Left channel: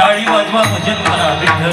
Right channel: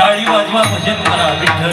टाळी वाजवा भजन करा विठ्ठल.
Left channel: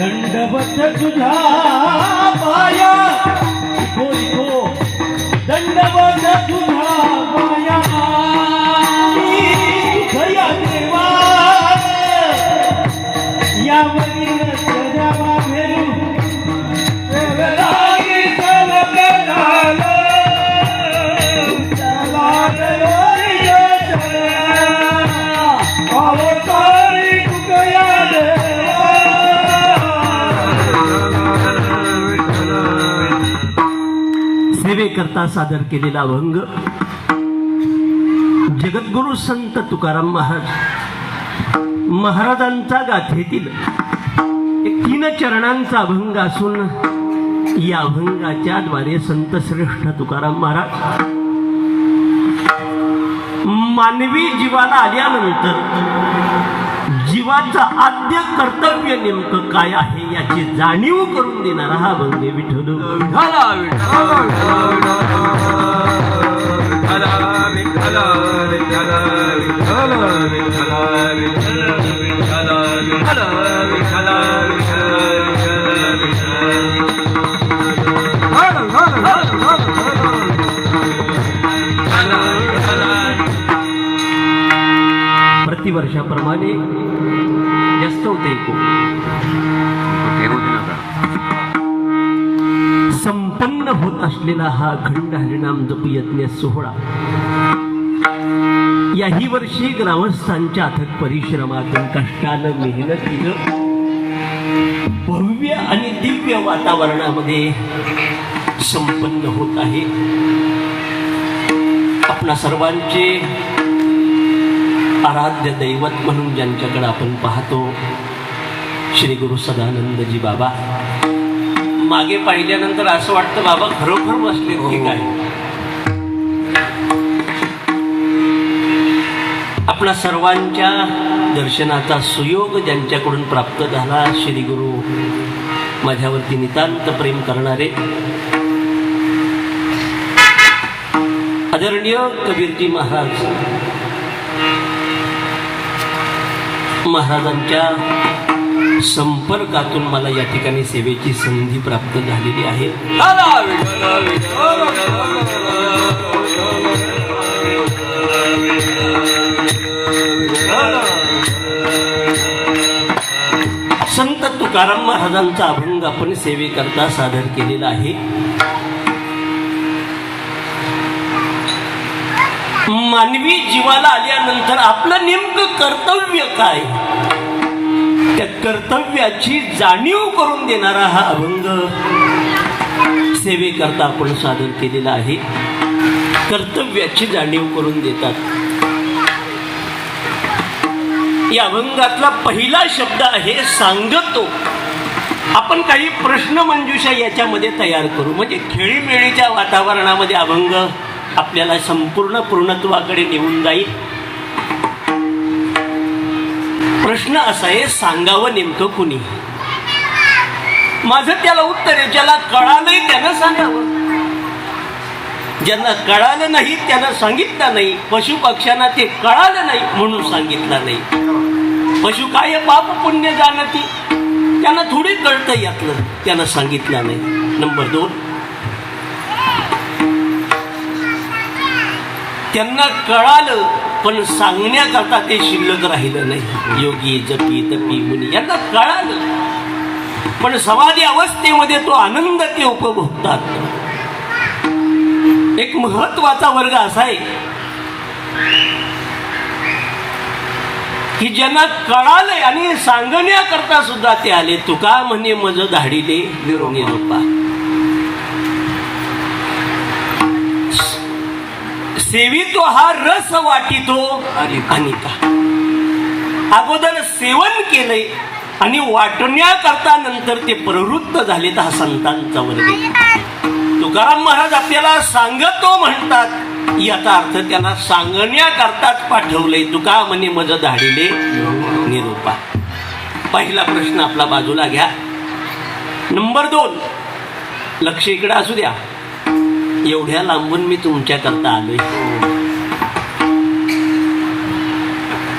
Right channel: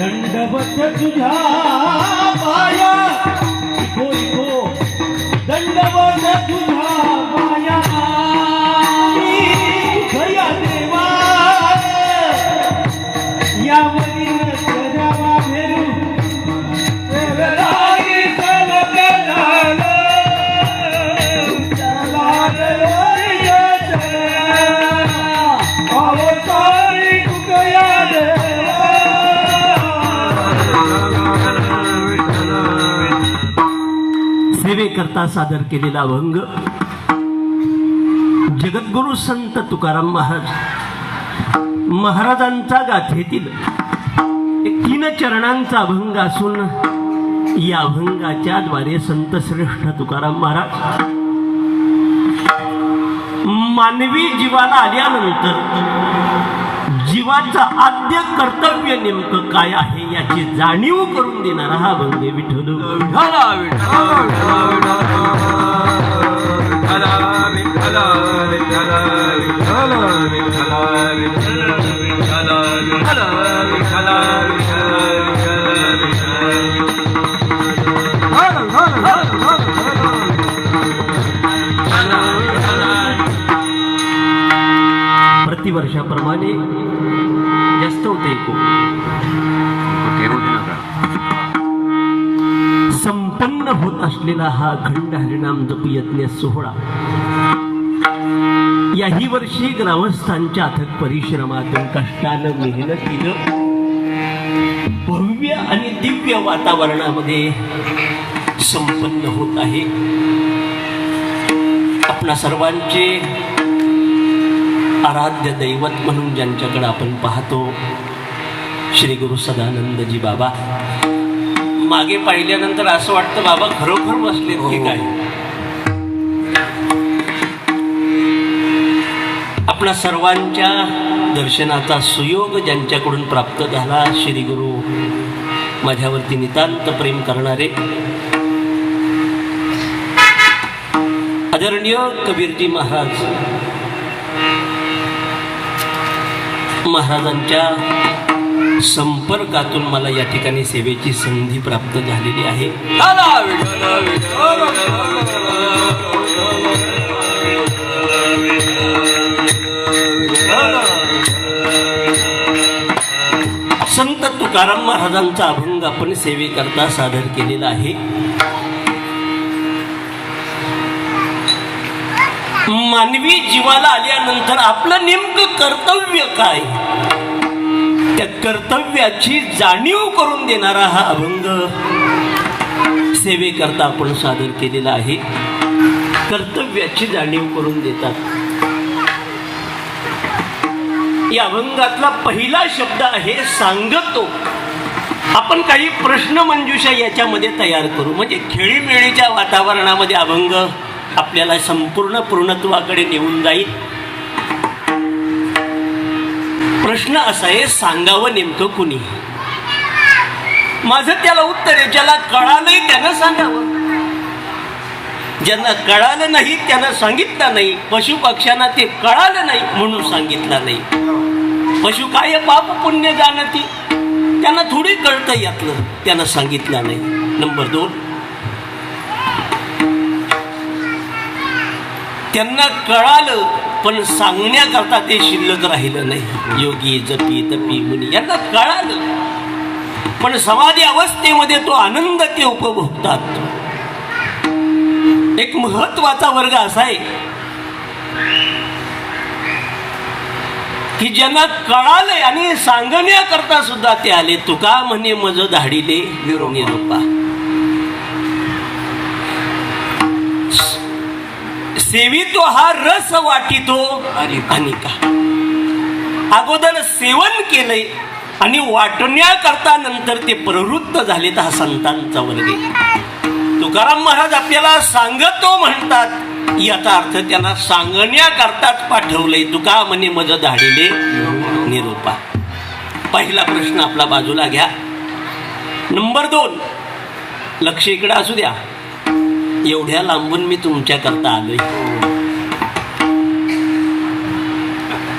दंडवत तुझा पाया दंडवत तुझा पाया खऱ्या देवा यावरील सजवा फेरू सेवेकरता सादर केलेला अभंग जगद्गुरु संत तुकाराम महाराजांचा गाथेतील 3 चरणांचा अभंग असून या अभंगाच्या द्वारे संत श्रेष्ठ तुकाराम महाराज मानवी जीवाला आल्यानंतर जीवाचं आद्य कर्तव्य नेमकं काय आहे याची जाणीव करून देणारा हा अभंग विठ्ठल. प्रतिवर्षाप्रमाणे जास्त होते संपन्न होत असलेला हा अखंड हरिनाम जप यज्ञ सोहळा याही वर्षी ग्रामस्थांच्या अथक परिश्रमातून कष्टानं मेहनतीनं भव्य आणि दिव्य वातावरणामध्ये संपन्न होत आहे. आपल्या सर्वांचे आराध्य दैवत म्हणून ज्यांच्याकडे आपण पाहतो श्री गुरु सदानंदजी बाबा. मागे पाहिल्यानंतर असं वाटतं बाबा खरोखर बसले की काय. आपल्या सर्वांच्या दर्शनाचा सुयोग ज्यांच्याकडून प्राप्त झाला श्री गुरु माझ्यावरती नितांत प्रेम करणारे आदरणीय कबीरजी महाराजांच्या संपर्कातून मला या ठिकाणी सेवेची संधी प्राप्त झालेली आहे. संत तुकाराम महाराजांचा अभंग आपण सेवेकरता सादर केलेला आहे. मानवी जीवाला आल्यानंतर आपलं नेमकं कर्तव्य काय त्या कर्तव्याची जाणीव करून देणारा हा अभंग सेवेकरता आपण सादर केलेला आहे. कर्तव्याची जाणीव करून देतात. या अभंगातला पहिला शब्द आहे सांगतो. आपण काही प्रश्न मंजुषा याच्यामध्ये तयार करू, म्हणजे खेळीमेळीच्या वातावरणामध्ये अभंग आपल्याला संपूर्ण पूर्णत्वाकडे नेऊन जाईल. प्रश्न असा आहे, सांगावं नेमकं कुणी? माझं त्याला उत्तर आहे, ज्याला कळालंय त्यानं सांगावं, ज्यांना कळालं नाही त्यानं सांगितलं नाही. पशु पक्ष्यांना ते कळालं नाही म्हणून सांगितलं नाही. पशु काय पाप पुण्य जाणती, त्यांना थोडी कळतं यातलं, त्यानं सांगितलं नाही. नंबर 2, त्यांना कळालं पण सांगण्याकरता ते शिल्लक राहिलं नाही. योगी जपी तपी मुनी यांना कळालं पण समाधी अवस्थेमध्ये तो आनंद ते उपभोगतात. एक महत्वाचा वर्ग असा आहे की ज्यांना कळाले आणि सांगण्याकरता सुद्धा ते आले. तुका म्हणे मज धाडीले निरोपा, सेवितो हा रस वाटितो अनेका. अगोदर सेवन केलंय आणि वाटण्याकरता नंतर ते प्रवृत्त झाले. तर हा संतांचा वर्ग आहे. तुकाराम महाराज आपल्याला सांगतो म्हणतात, याचा अर्थ त्याला सांगण्याकरताच पाठवलंय. तुका म्हणे मज धाडीले निरोपा. पहिला प्रश्न आपला बाजूला घ्या. नंबर 2, लक्ष इकडे असू द्या. एवढ्या लांबून मी तुमच्याकरता आलोय,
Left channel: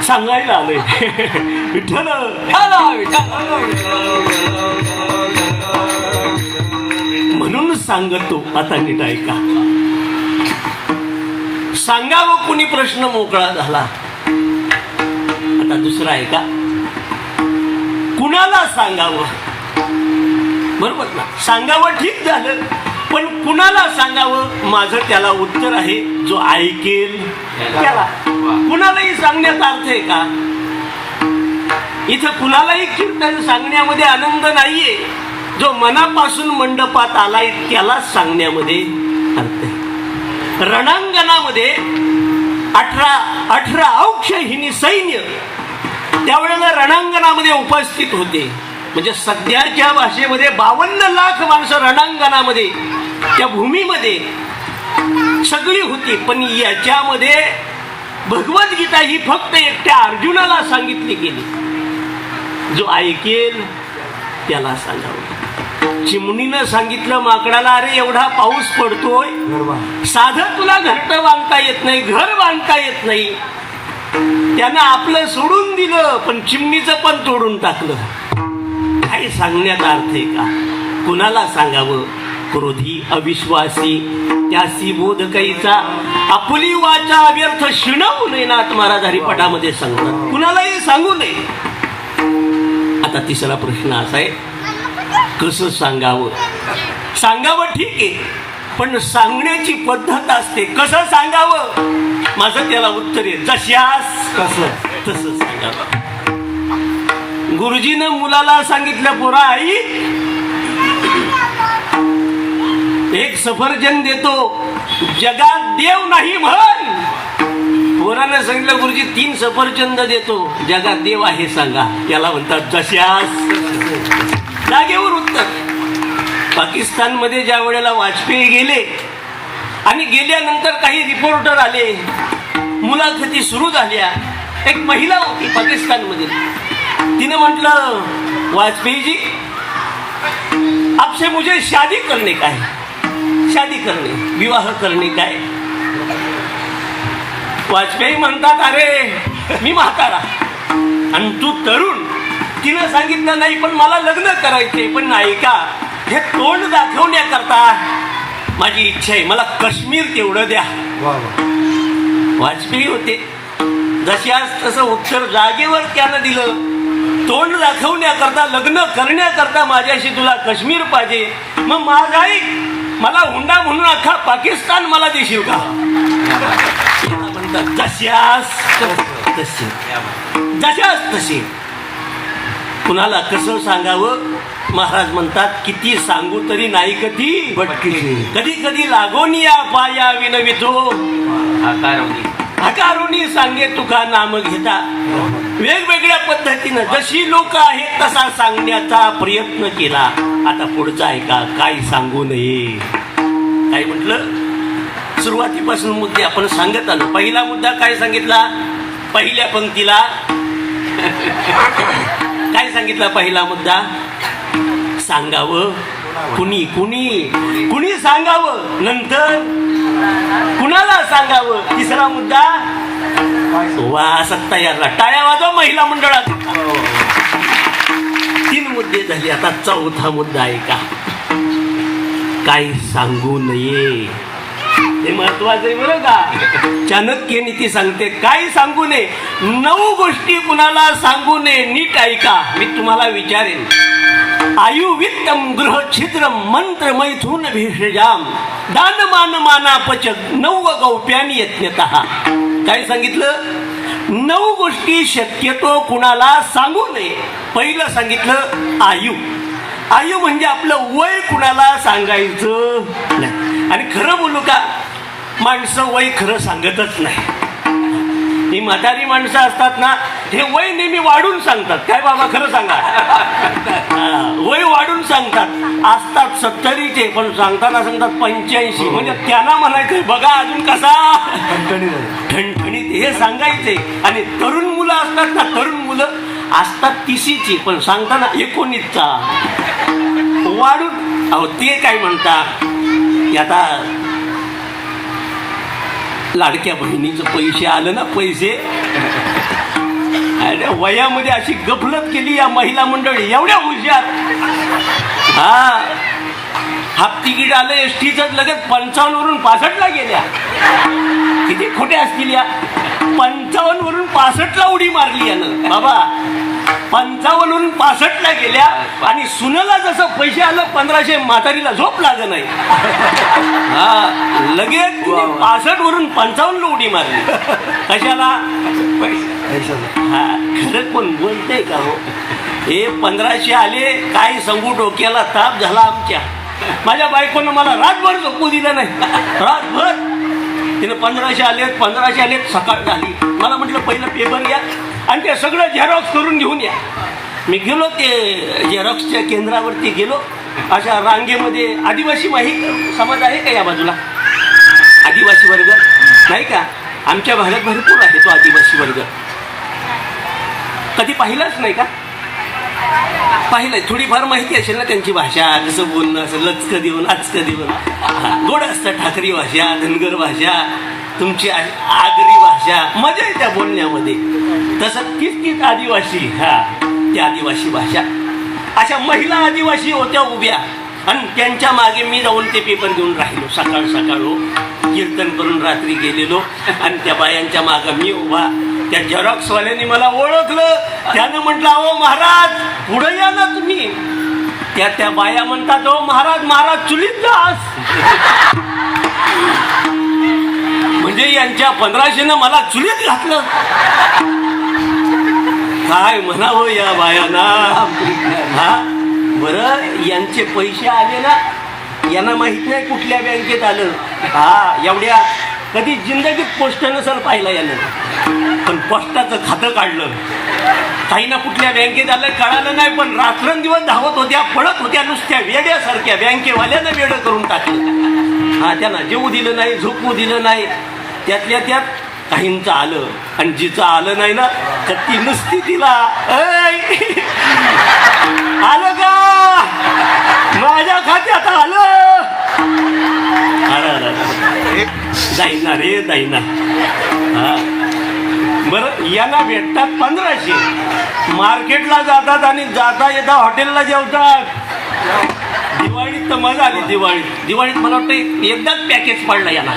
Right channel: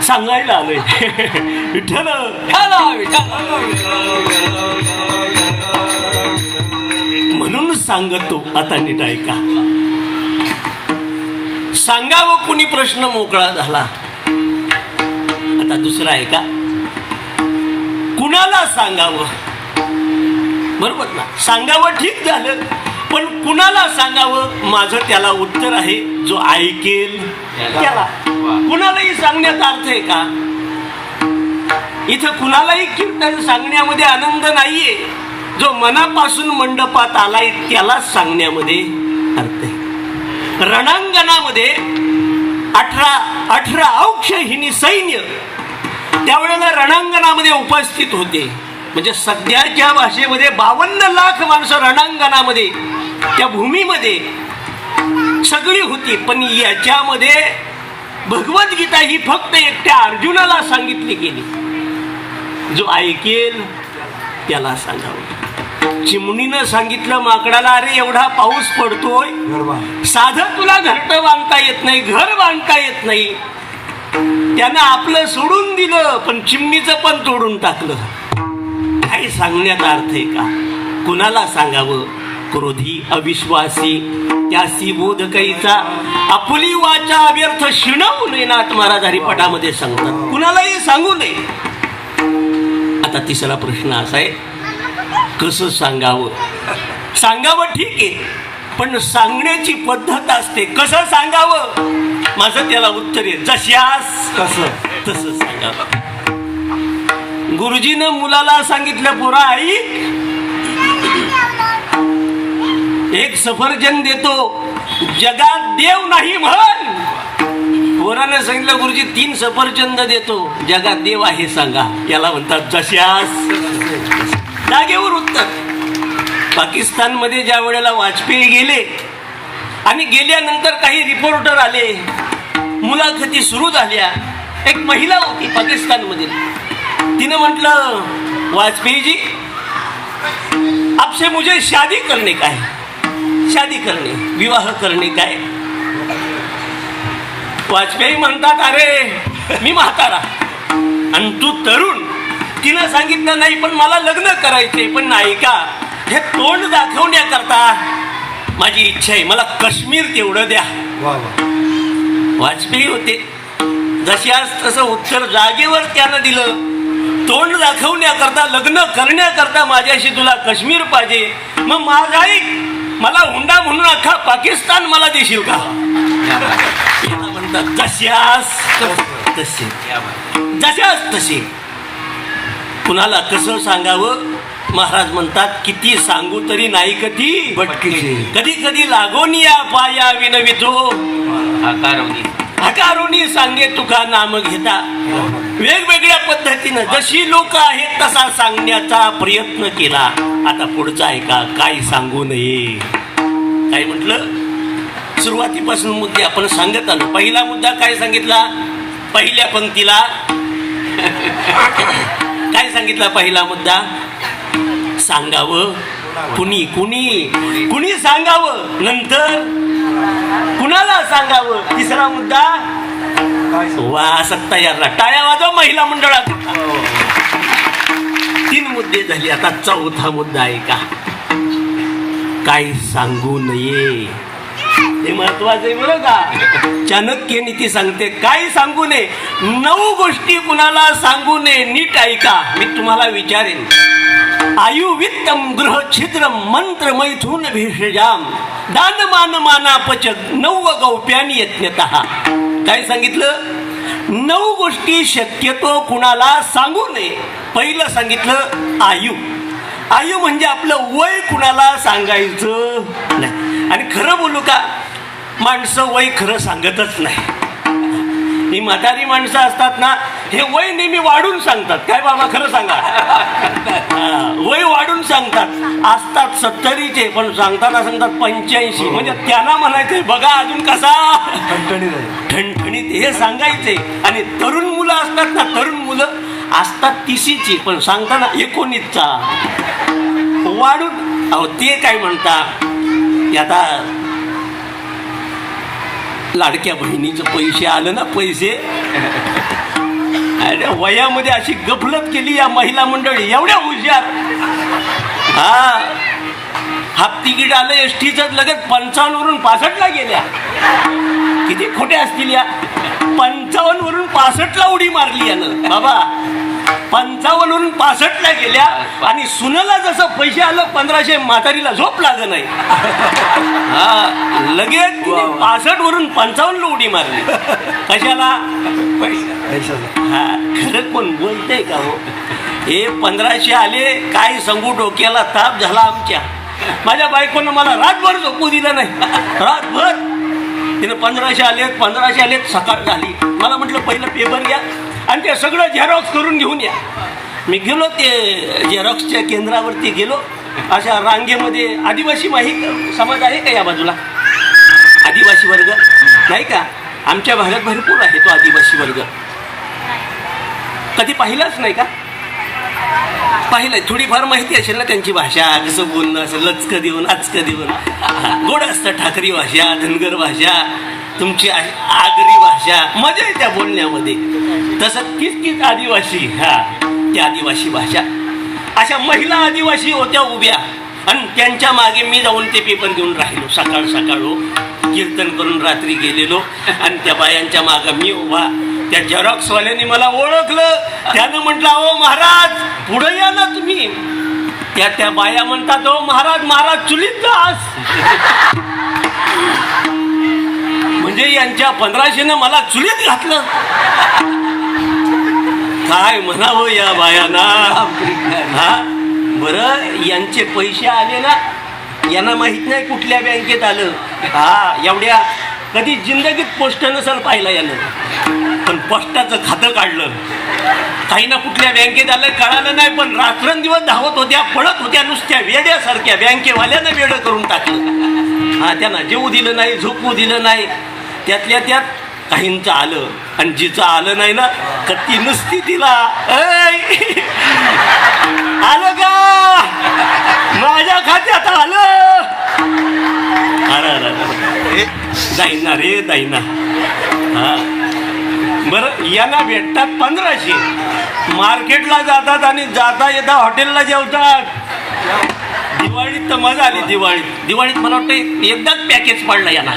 सांगायला आलोय. विठ्ठल म्हणून सांगतो. आता नीट ऐका. सांगावं कुणी प्रश्न मोकळा झाला. आता दुसरा आहे का, कुणाला सांगावं? बरोबर ना, सांगावं ठीक झालं पण कुणाला सांगावं? माझं त्याला उत्तर आहे, जो ऐकेल त्याला. कुणालाही सांगण्याचा अर्थ आहे का? इथं कुणालाही कीर्तन सांगण्यामध्ये आनंद नाहीये. जो मनापासून मंडपात आलाय त्यालाच सांगण्यामध्ये अर्थ आहे. रणांगणामध्ये 18 औक्षहिनी सैन्य त्यावेळेला रणांगणामध्ये उपस्थित होते. म्हणजे सध्याच्या भाषेमध्ये 52 लाख माणसं रणांगणामध्ये, त्या भूमीमध्ये सगळी होती. पण याच्यामध्ये भगवद्गीता ही फक्त एकट्या अर्जुनाला सांगितली गेली. जो ऐकेल त्याला सांगावं. चिमणीनं सांगितलं माकडाला, अरे एवढा पाऊस पडतोय, साधं तुला घरटं बांधता येत नाही, घर बांधता येत नाही. त्यानं आपलं सोडून दिलं पण चिमणीचं पण तोडून टाकलं. काही सांगण्याचा अर्थ आहे का? कुणाला सांगावं? क्रोधी अविश्वासी त्यासी बोध कैचा, आपुली वाचा व्यर्थ शिणवू नये. नाथ महाराज हरिपाठामध्ये सांगतात, कुणालाही सांगू नये. आता तिसरा प्रश्न असा आहे, कसं सांगावं? सांगावं ठीक आहे पण सांगण्याची पद्धत असते. कसं सांगावं? माझं त्याला उत्तर आहे, जशास कसं तसं सांगावं. गुरुजीनं मुलाला सांगितलं, पोरा आई एक सफरजन देतो, जगात देव नाही म्हण. पोरानं सांगितलं, गुरुजी 3 सफरचंद देतो, जगात देव आहे सांगा. त्याला म्हणतात जशास. जागेवर उत्तर. पाकिस्तानमध्ये ज्या वेळेला वाजपेयी गेले आणि गेल्यानंतर काही रिपोर्टर आले, मुलाखती सुरू झाल्या. एक महिला होती पाकिस्तानमध्ये, तिने म्हटलं, वाजपेयी जी आपसे मुझे शादी करने का है. शादी करणे, विवाह करणे काय? वाजपेयी म्हणतात, अरे मी म्हातारा आणि तू तरुण. तिला सांगितलं, नाही पण मला लग्न करायचंय, पण नाही का, हे तोंड दाखवण्याकरता माझी इच्छा आहे, मला काश्मीर तेवढं द्या. वाजपेयी होते, जशी आज तसं उत्तर जागेवर त्यानं दिलं. तोंड दाखवण्याकरता, लग्न करण्याकरता माझ्याशी तुला काश्मीर पाहिजे, मग माझा ऐक, मला हुंडा म्हणून अख्खा पाकिस्तान मला देशील का? म्हणतात जशास तसे, जशास तसे. कुणाला कसं सांगावं? महाराज म्हणतात, किती सांगू तरी नाही कधी भटकी, कधी कधी लागोनिया पाया विनवितो. अकारुणी सांगे तुका नाम घेता. वेगवेगळ्या पद्धतीनं जशी लोक आहेत तसा सांगण्याचा प्रयत्न केला. आता पुढचा आहे का, काय सांगू नये. काय म्हटलं, सुरुवातीपासून मुद्दे आपण सांगत आलो. पहिला मुद्दा काय सांगितला, पहिल्या पंक्तीला काय सांगितला. पहिला मुद्दा, सांगावं कुणी कुणी कुणी सांगावं, नंतर कुणाला सांगावं. तिसरा मुद्दा, वा असं तयार टाळ्या वाजवा महिला मंडळात. 3 मुद्दे झाले. आता चौथा मुद्दा आहे का, काय सांगू नये. हे महत्वाचं आहे बरं का. चाणक्य नीती सांगते काय सांगू नये. 9 गोष्टी कुणाला सांगू नये. नीट ऐका, मी तुम्हाला विचारेन. आयु वित्तम गृह छिद्रम मंत्र मैथुन भेषजाम दान मान मानापच 9 गौप्यानी यज्ञतः. काय सांगितलं, 9 गोष्टी शक्यतो कुणाला सांगू नये. पहिलं सांगितलं आयु. आयु म्हणजे आपलं वय कुणाला सांगायचं नाही. आणि खरं बोलू का, माणसं वय खरं सांगतच नाही. ही म्हातारी माणसं असतात ना, हे वय नेहमी वाढून सांगतात. काय बाबा खरं सांगा, वय वाढून सांगतात. असतात 70चे पण सांगताना सांगतात 85. म्हणजे त्यांना म्हणायचे बघा अजून कसा ठणठणीत, हे सांगायचे. आणि तरुण मुलं असतात ना, तरुण मुलं असतात 30ची पण सांगताना 19चा वाढून. अहो ते काय म्हणतात, आता लाडक्या बहिणीचे पैसे आले ना, पैसे वयामध्ये अशी गफलत केली या महिला मंडळी. एवढ्या हुशार. हाफ तिकीट आलं एसटीचं, लगेच 55 वरून 65ला गेल्या. किती खोट्या असतील या. 55 वरून 65ला उडी मारली यानं बाबा. 55 वरून 65ला गेल्या. आणि सुनेला जसं पैसे आलं 1500, म्हातारीला झोप लागत नाही. लगेच 65 वरून 55ला उडी मारली. कशाला, खरं कोण बोलतंय का हो. हे 1500 आले, काय सांगू, डोक्याला ताप झाला आमच्या. माझ्या बायकोनं मला रातभर झोपू दिलं नाही. रातभर तिने 1500 आले. सकाळ झाली. मला म्हटलं पहिलं पेपर घ्या आणि ते सगळं झेरॉक्स करून घेऊन या. मी गेलो, ते झेरॉक्सच्या केंद्रावरती गेलो. अशा रांगेमध्ये आदिवासी माहीत समाज आहे का या बाजूला, आदिवासी वर्ग नाही का. आमच्या भागात भरपूर आहे तो आदिवासी वर्ग. कधी पाहिलाच नाही का, पाहिलंय. थोडीफार माहिती असेल ना त्यांची भाषा, कसं बोलणं असं, लचकं देऊन आचकं देऊन. गोड असतं ठाकरी भाषा, धनगर भाषा, तुमची आगरी भाषा, मजा आहे त्या बोलण्यामध्ये. तसं किसकिस आदिवासी, त्या आदिवासी भाषा. अशा महिला आदिवासी होत्या उभ्या आणि त्यांच्या मागे मी जाऊन ते पेपर घेऊन राहिलो. सकाळ कीर्तन करून रात्री गेलेलो आणि त्या बायांच्या मागे मी उभा. त्या झेरॉक्सवाल्याने मला ओळखलं. त्यानं म्हटलं, ओ महाराज पुढे या ना तुम्ही. त्या बाया म्हणतात, ओ महाराज चुलीत जास. म्हणजे यांच्या 1500 मला चुलीत घातलं. काय म्हणावं या बायांना. बरं, यांचे पैसे आले ना, यांना माहित नाही कुठल्या बँकेत आलं. एवढ्या कधी जिंदगीत पोस्ट नसेल पाहिलं यानं, पण पोस्टाचं खातं काढलं. काही ना कुठल्या बँकेत आलं कळालं नाही, पण रात्रंदिवस धावत होत्या, पडत होत्या नुसत्या वेड्यासारख्या. बँकेवाल्यानं वेडं करून टाकलं. त्यांना जेवू दिलं नाही, झोपू दिलं नाही. त्यातल्या त्यात काहींचं आलं आणि जिचं आलं नाही ना, तर ती नुसती तिला आलं का, माझ्या खात्यात आलं. जाईना रे जाईना. बरं, याला भेटतात 1500. मार्केटला जातात आणि जाता येता हॉटेलला जेवतात. दिवाळीत तर मजा आली. दिवाळीत मला वाटतं एकदाच पॅकेज पडला याला.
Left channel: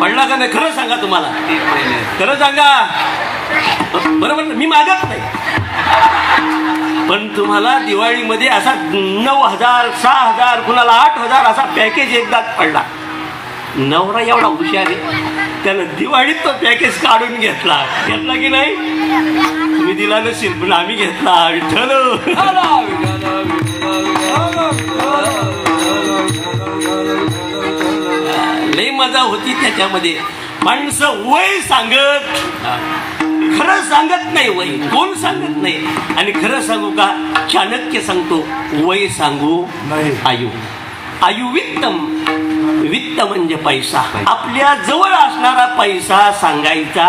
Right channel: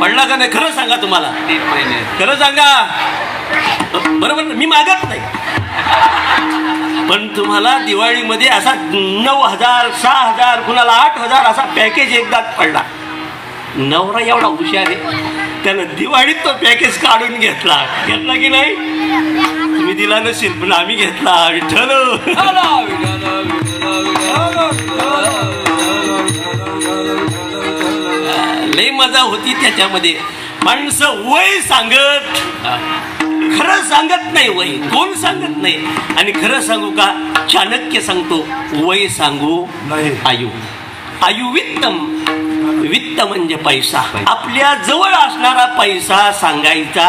पडला का नाही खरं सांगा, तुम्हाला खरं सांगा. बरोबर, मी मागत नाही, पण तुम्हाला दिवाळीमध्ये असा 9,000 6,000 कुणाला 8,000 असा पॅकेज एकदाच पडला. नवरा एवढा हुशार आहे, त्यानं दिवाळीत तो पॅकेज काढून घेतला की नाही. तुम्ही दिला नसेल पण आम्ही घेतला. लई मजा होती त्याच्यामध्ये. माणसं वय सांगत खरं सांगत नाही. वय कोण सांगत नाही. आणि खरं सांगू का, चाणक्य सांगतो वय सांगू आयु. आयु वित्तम. वित्त म्हणजे पैसा. आपल्या जवळ असणारा पैसा सांगायचा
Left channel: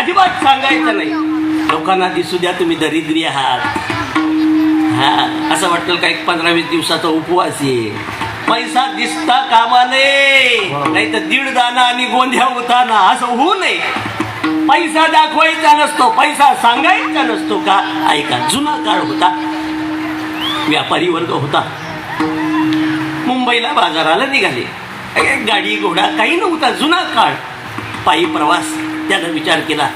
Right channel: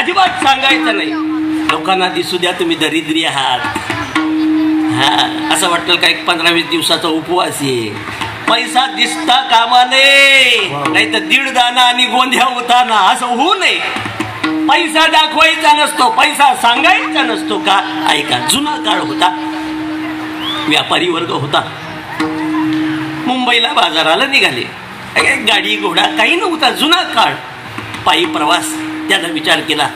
अजिबात सांगायचा नाही. लोकांना दिसू द्या तुम्ही दरिद्री आहात. हा असं वाटतं का एक 15-20 दिवसाचा उपवास आहे. पैसा दिसता कामाने, नाही तर दीड दाना आणि गोंध्या होताना असं होऊ नये. पैसा दाखवायचा नसतो, पैसा सांगायचा नसतो. का ऐका, जुना काळ होता, व्यापारी वर्ग होता. मुंबईला बाजाराला निघाले. गाडी घोडा काही नव्हता. जुना काळ, पायी प्रवास. त्यानं विचार केला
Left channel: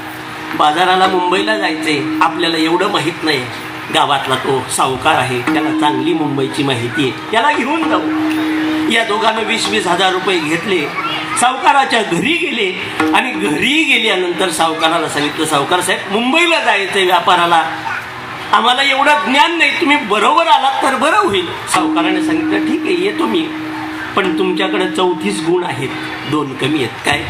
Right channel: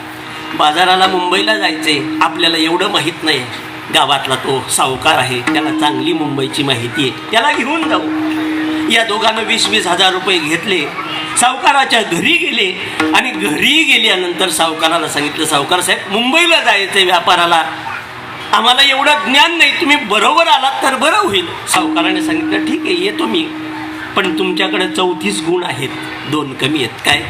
बाजाराला मुंबईला जायचंय, आपल्याला एवढं माहित नाही. गावातला तो सावकार आहे, त्याला चांगली मुंबईची माहिती आहे, त्याला घेऊन जाऊ. या दोघांना 20-20 हजार रुपये घेतले. सावकाराच्या घरी गेले आणि घरी गेल्यानंतर सावकाराला सांगितलं, सावकार साहेब मुंबईला जायचंय व्यापाराला, आम्हाला एवढं ज्ञान नाही, तुम्ही बरोबर आलात तर बरं होईल. सावकाराने सांगितलं ठीक आहे येतो मी, पण तुमच्याकडे 34 गुण आहेत, 2 कमी आहेत. काय?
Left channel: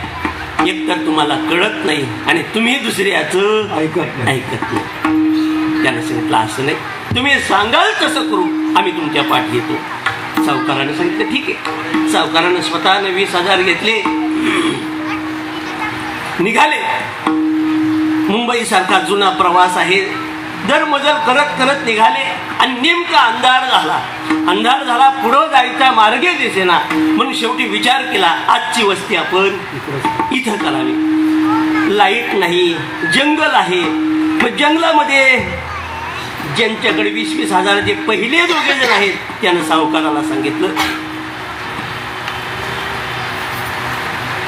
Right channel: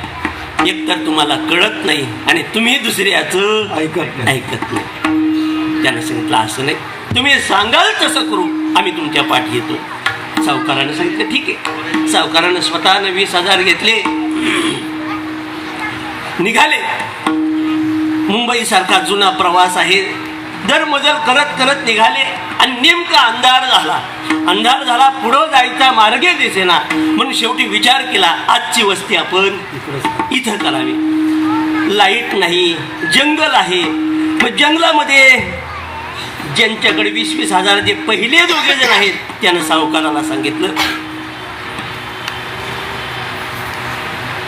एक तर तुम्हाला कळत नाही आणि तुम्ही दुसऱ्याचं ऐकत नाही. त्याने सांगितलं असं नाही, तुम्ही सांगाल तसं करू, आम्ही तुमच्या पाठ येतो. सावकाराने सांगितलं ठीक आहे. सावकारानं स्वतःनं 20,000 घेतले, निघाले. मुंबई सारखा जुना प्रवास आहे, दरमजल करत करत निघाले आणि नेमका अंधार झाला. अंधार झाला, पुढं जायचा मार्गे दिसेना. म्हणून शेवटी विचार केला आजची वस्ती आपण इथं करावी. लाईट नाही, जंगल आहे. मग जंगलामध्ये ज्यांच्याकडे 20-20 हजाराचे पहिले दोघे जण आहेत, त्यानं सावकाराला सांगितलं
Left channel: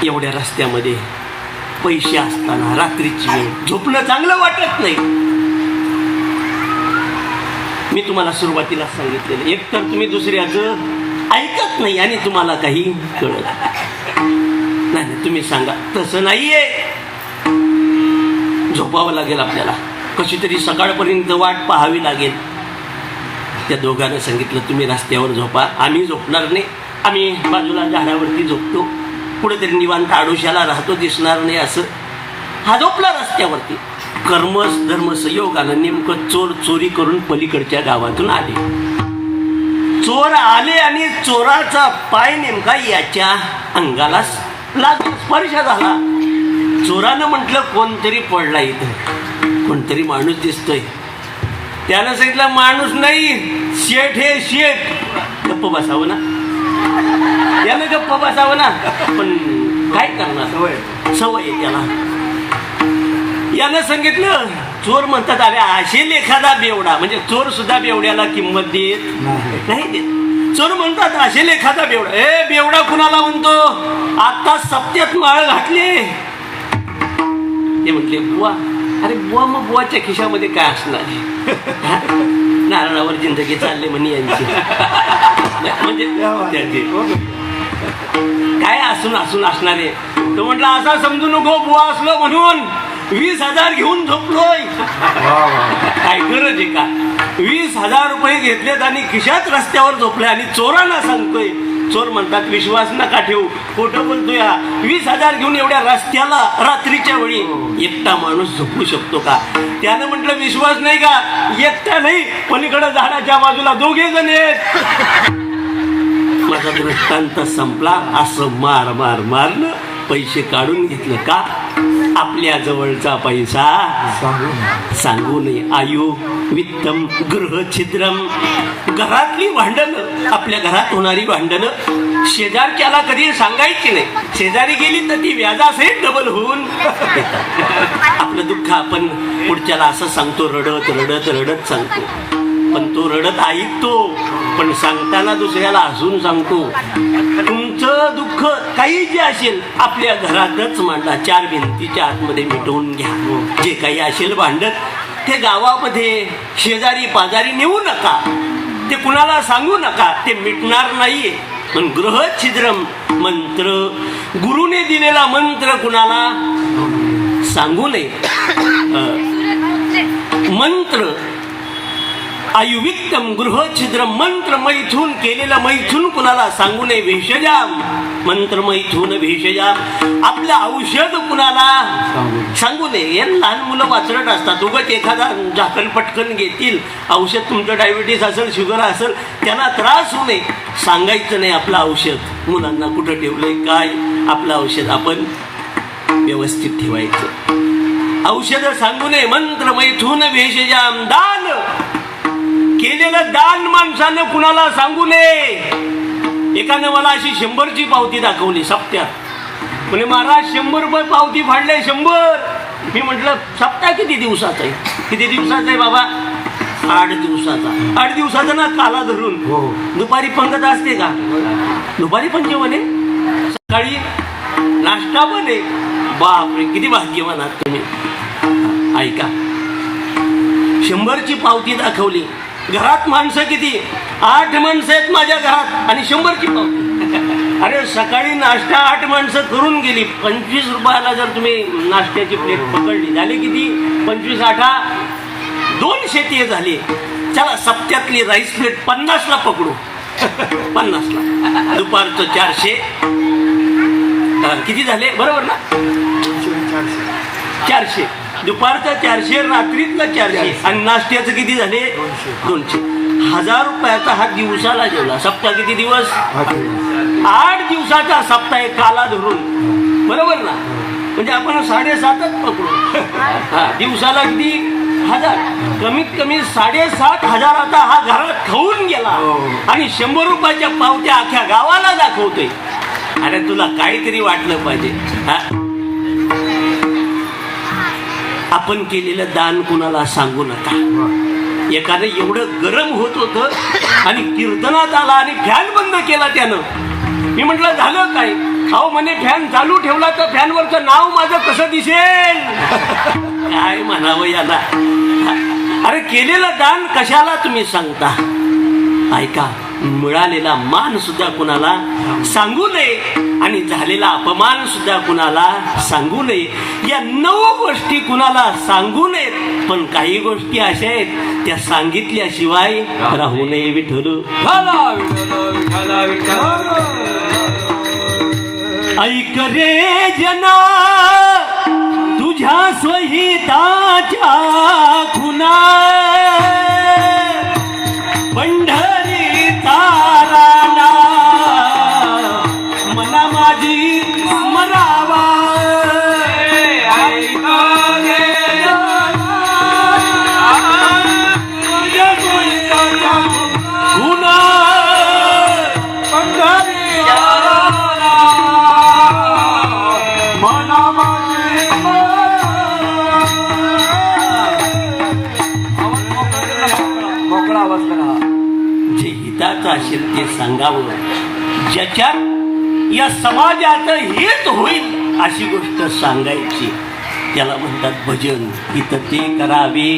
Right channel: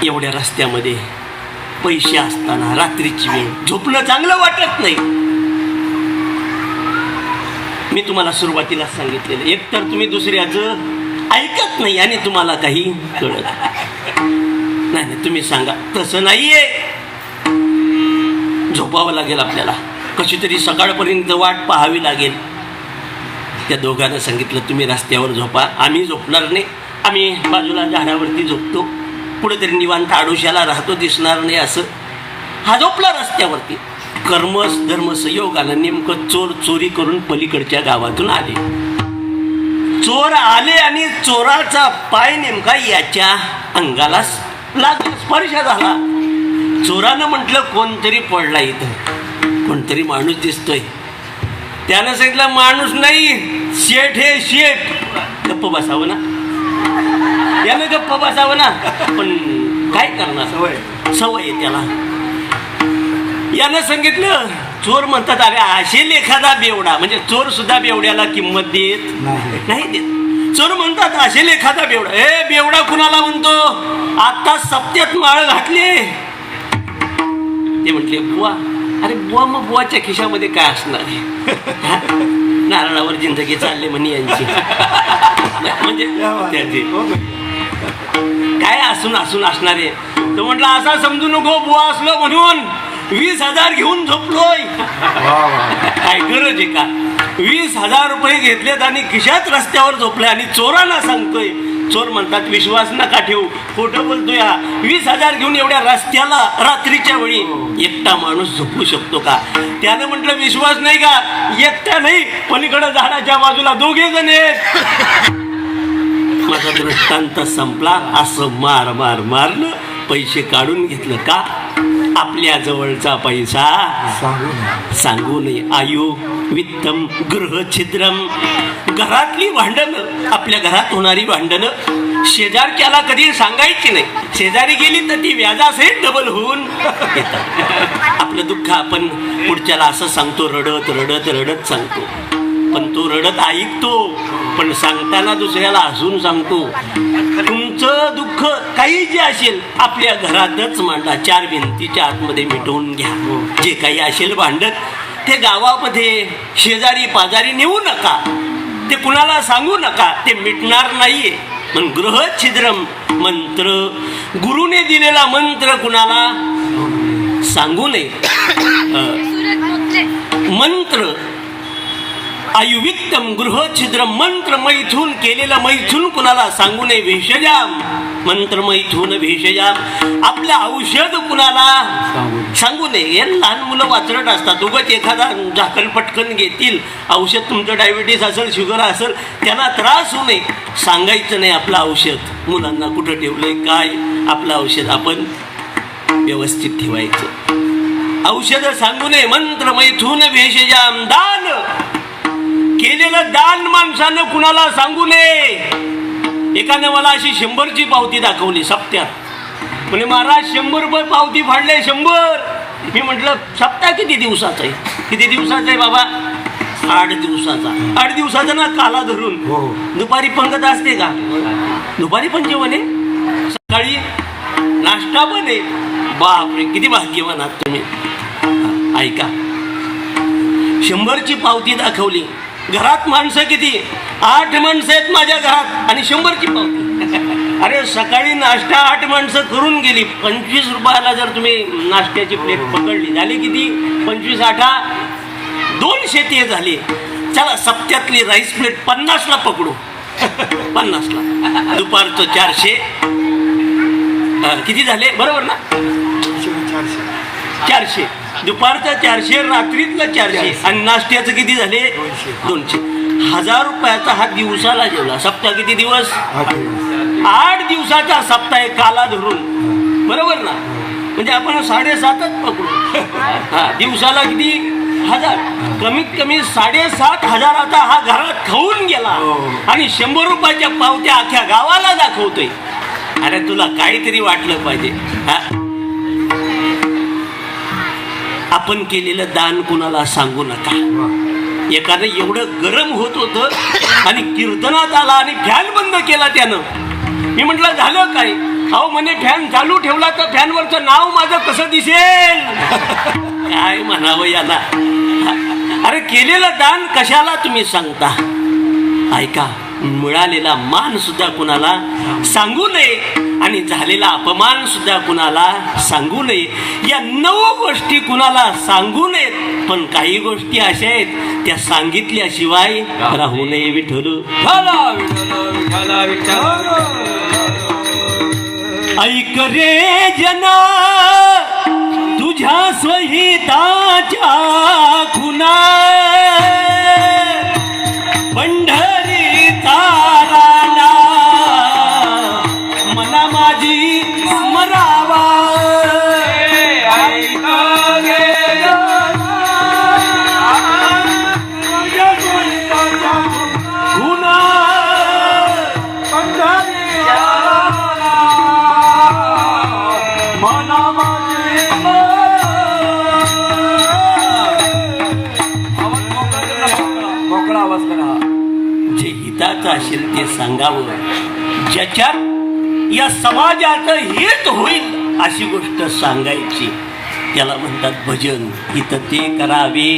एवढ्या रस्त्यामध्ये पैसे असताना रात्रीची वेळ झोपणं चांगलं वाटत नाही. मी तुम्हाला सुरुवातीला सांगितलेलं, एक तर तुम्ही दुसऱ्याचं ऐकत नाही आणि तुम्हाला काही कळत नाही. तुम्ही सांगा तसं नाहीये, झोपावं लागेल आपल्याला, कशी तरी सकाळपर्यंत वाट पाहावी लागेल. त्या दोघांना सांगितलं तुम्ही रस्त्यावर झोपा, आम्ही झोपणार नाही, आम्ही बाजूला झाडावरती झोपतो, कुठेतरी निवांत आडोशाला राहतो, दिसणार नाही असं. हा झोपला रस्त्यावरती. कर्म धर्म संयोगानं नेमकं चोर चोरी करून पलीकडच्या गावातून आले. चोर आले आणि चोराचा पाय नेमका याच्या अंगाला स्पर्श झाला. चोरानं म्हटलं कोणतरी पडला इथं, कोणतरी माणूस दिसतोय. त्यानं सांगितलं माणूस नाही, शेठ हे शेठ. गप्प बसावं ना, यानं गप्प बसावं ना, पण काय करणार, सवय आहे त्याला. यानं सांगितलं, चोर म्हणतात अरे असेल एखादा बेवडा, म्हणजे चोर सुद्धा बेवड्याला किंमत देत नाही देत. चोर म्हणतात असेल एखादा बेवडा. हे बेवडा कुणाला म्हणतो, आता सप्त्यात माळ घातली. ते म्हटले बुवा. अरे बुवा, मग बुवाच्या खिशामध्ये काय असणार, नारळावर जिंदगी चालली म्हणे यांची. म्हणजे त्याचे काय असून असणारे. तो म्हटलं असा समजू नको बुवा असलं म्हणून 20,000 घेऊन झोपलोय. काय गरज आहे का? 20,000 रुपये घेतलेत आणि खिशात रस्त्यावर झोपले आणि चोरांना सांगतोय. चोर म्हणतात विश्वास नका ठेवू, खोटं बोलतोय. 20,000 घेऊन एवढ्या रस्त्याला रात्रीच्या वेळी एकटा माणूस झोपू शकतो का? त्यानं म्हटलं विश्वास नाही का? एकटा नाही, पलीकडे झाडाच्या बाजूला 2 जण आहेत. माझा दृष्टांत संपला. असं मारलं, पैसे काढून घेतलं. का? आपल्या जवळचा पैसा सांगू नये. आयु वित्तम गृह छिद्रम. घरातली भांडणं, आपल्या घरात होणारी भांडणं शेजारच्याला कधी सांगायची नाही. शेजारी गेली तर ती व्याजासहित डबल होऊन आपलं दुःख आपण पुढच्याला असं सांगतो, रडत सांगतो. पण तो रडत ऐकतो, पण सांगताना दुसऱ्याला हसून सांगतो. तुमचं दुःख काही जे असेल आपल्या घरातच मांडा, 4 भिंतीच्या आतमध्ये मिटवून घ्या. जे काही असेल भांडत ते गावामध्ये शेजारी पाजारी नेऊ नका, ते कुणाला सांगू नका, ते मिटणार नाहीये. पण गृह छिद्रम मंत्र, गुरुने दिलेला मंत्र कुणाला सांगू नये. मंत्र आयुविक्तम गृह छिद्र मंत्र मैथून केलेला मैथून कुणाला सांगू नये भेषजाम मंत्र मैथून भेषजाम आपलं औषध कुणाला सांगू नये. हे लहान मुलं वाचरट असतात उगाच एखादा झाकण पटकन घेतील औषध तुमचं डायबिटीस असेल शुगर असेल त्यांना त्रास होऊ नये सांगायचं नाही आपलं औषध मुलांना कुठं ठेवलंय काय आपलं औषध आपण व्यवस्थित ठेवायचं. औषध सांगू नये मंत्र मैथून भेषजाम दान केलेलं दान माणसानं कुणाला सांगू नये. एकाने मला अशी 100ची पावती दाखवली सप्त्यात म्हणे महाराज 100 रुपये पावती फाडले 100. मी म्हटलं सप्ताह किती दिवसाचा आहे. किती दिवसाचा आहे बाबा 8 दिवसाचा. 8 दिवसाचा ना काला धरून दुपारी पंगत असते का दुपारी पण जेवण आहे सकाळी नाश्ता पण आहे. बापरे किती भाग्यवान आहात तुम्ही. ऐका 100ची पावती दाखवली. घरात माणसं किती 8 माणसं आहेत माझ्या घरात आणि 100ची पावती. अरे सकाळी नाश्ता 8 माणसं करून गेली. 25 रुपयाला जर तुम्ही नाश्त्याची प्लेट पकडली झाली किती 25 8 200 झाली. चला सप्त्यातली राईस प्लेट 50ला पकडू 50ला दुपारचं 400 किती झाले बरोबर ना 400 दुपारचं 400 रात्रीतलं 400 आणि नाश्त्याचं किती झाले 200. 1000 रुपयाचा हा दिवसाला गेला. सप्ताह किती दिवस 8 दिवसाचा सप्ताह काला धरून बरोबर ना म्हणजे आपण 7.5च पकडू. दिवसाला किती 1000 कमीत कमी 7,500 हा घरात खाऊन गेला आणि 100 रुपयाच्या पावत्या अख्ख्या गावाला दाखवतोय. अरे तुला काहीतरी वाटलं पाहिजे. आपण केलेलं दान कुणाला सांगू नका. एकाने एवढं गरम होत होतं आणि कीर्तनात आला आणि फॅन बंद केला त्यानं. मी म्हटलं झालं काय. अहो म्हणे फॅन चालू ठेवला तर फॅनवरचं नाव माझं कसं दिसेल. काय म्हणावं याला. अरे केलेलं दान कशाला तुम्ही सांगता. ऐका मिळालेला मान सुद्धा कुणाला सांगू नये आणि झालेला अपमान सुद्धा कुणाला सांगू नये. या 9 गोष्टी कुणाला सांगू नयेत. पण काही गोष्टी अशा आहेत त्या सांगितल्याशिवाय राहू नये. विठ्ठल ऐक रे जना तुझ्या स्वहिताच्या खुना असेल ते सांगावं. ज्याच्यात या समाजाचं हित होईल अशी गोष्ट सांगायची. त्याला म्हणतात भजन. इथं ते करावे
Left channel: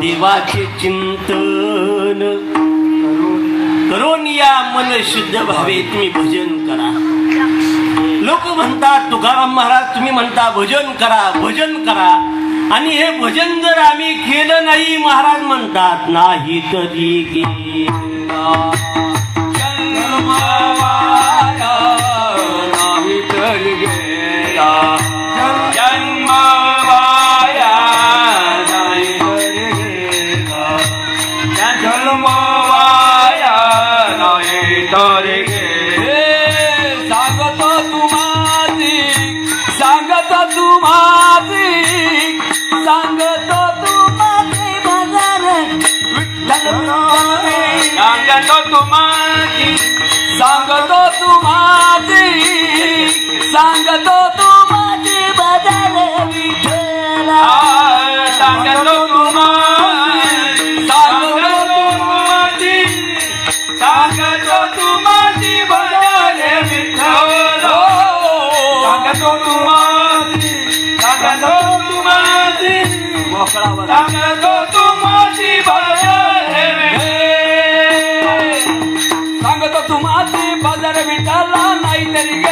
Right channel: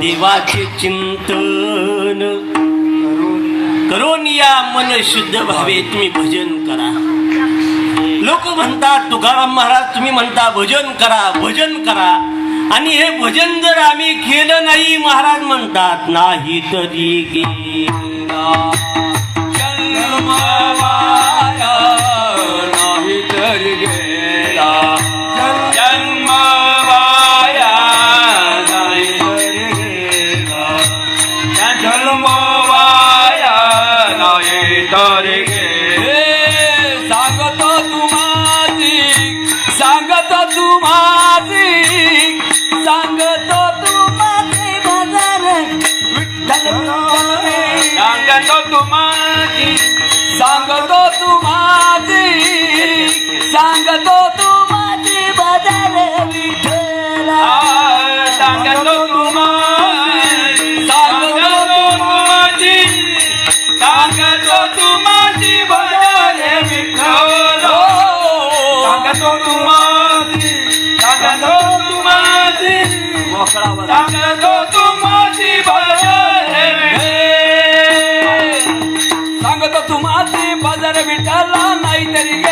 देवाचे चिंतन करून या मन शुद्ध भावे तुम्ही भजन करा. लोक म्हणतात तुकाराम महाराज तुम्ही म्हणता भजन करा आणि हे भजन जर आम्ही केलं नाही महाराज म्हणतात नाही तरी सांगतो तुम्हा बदर विठाला नाही तरी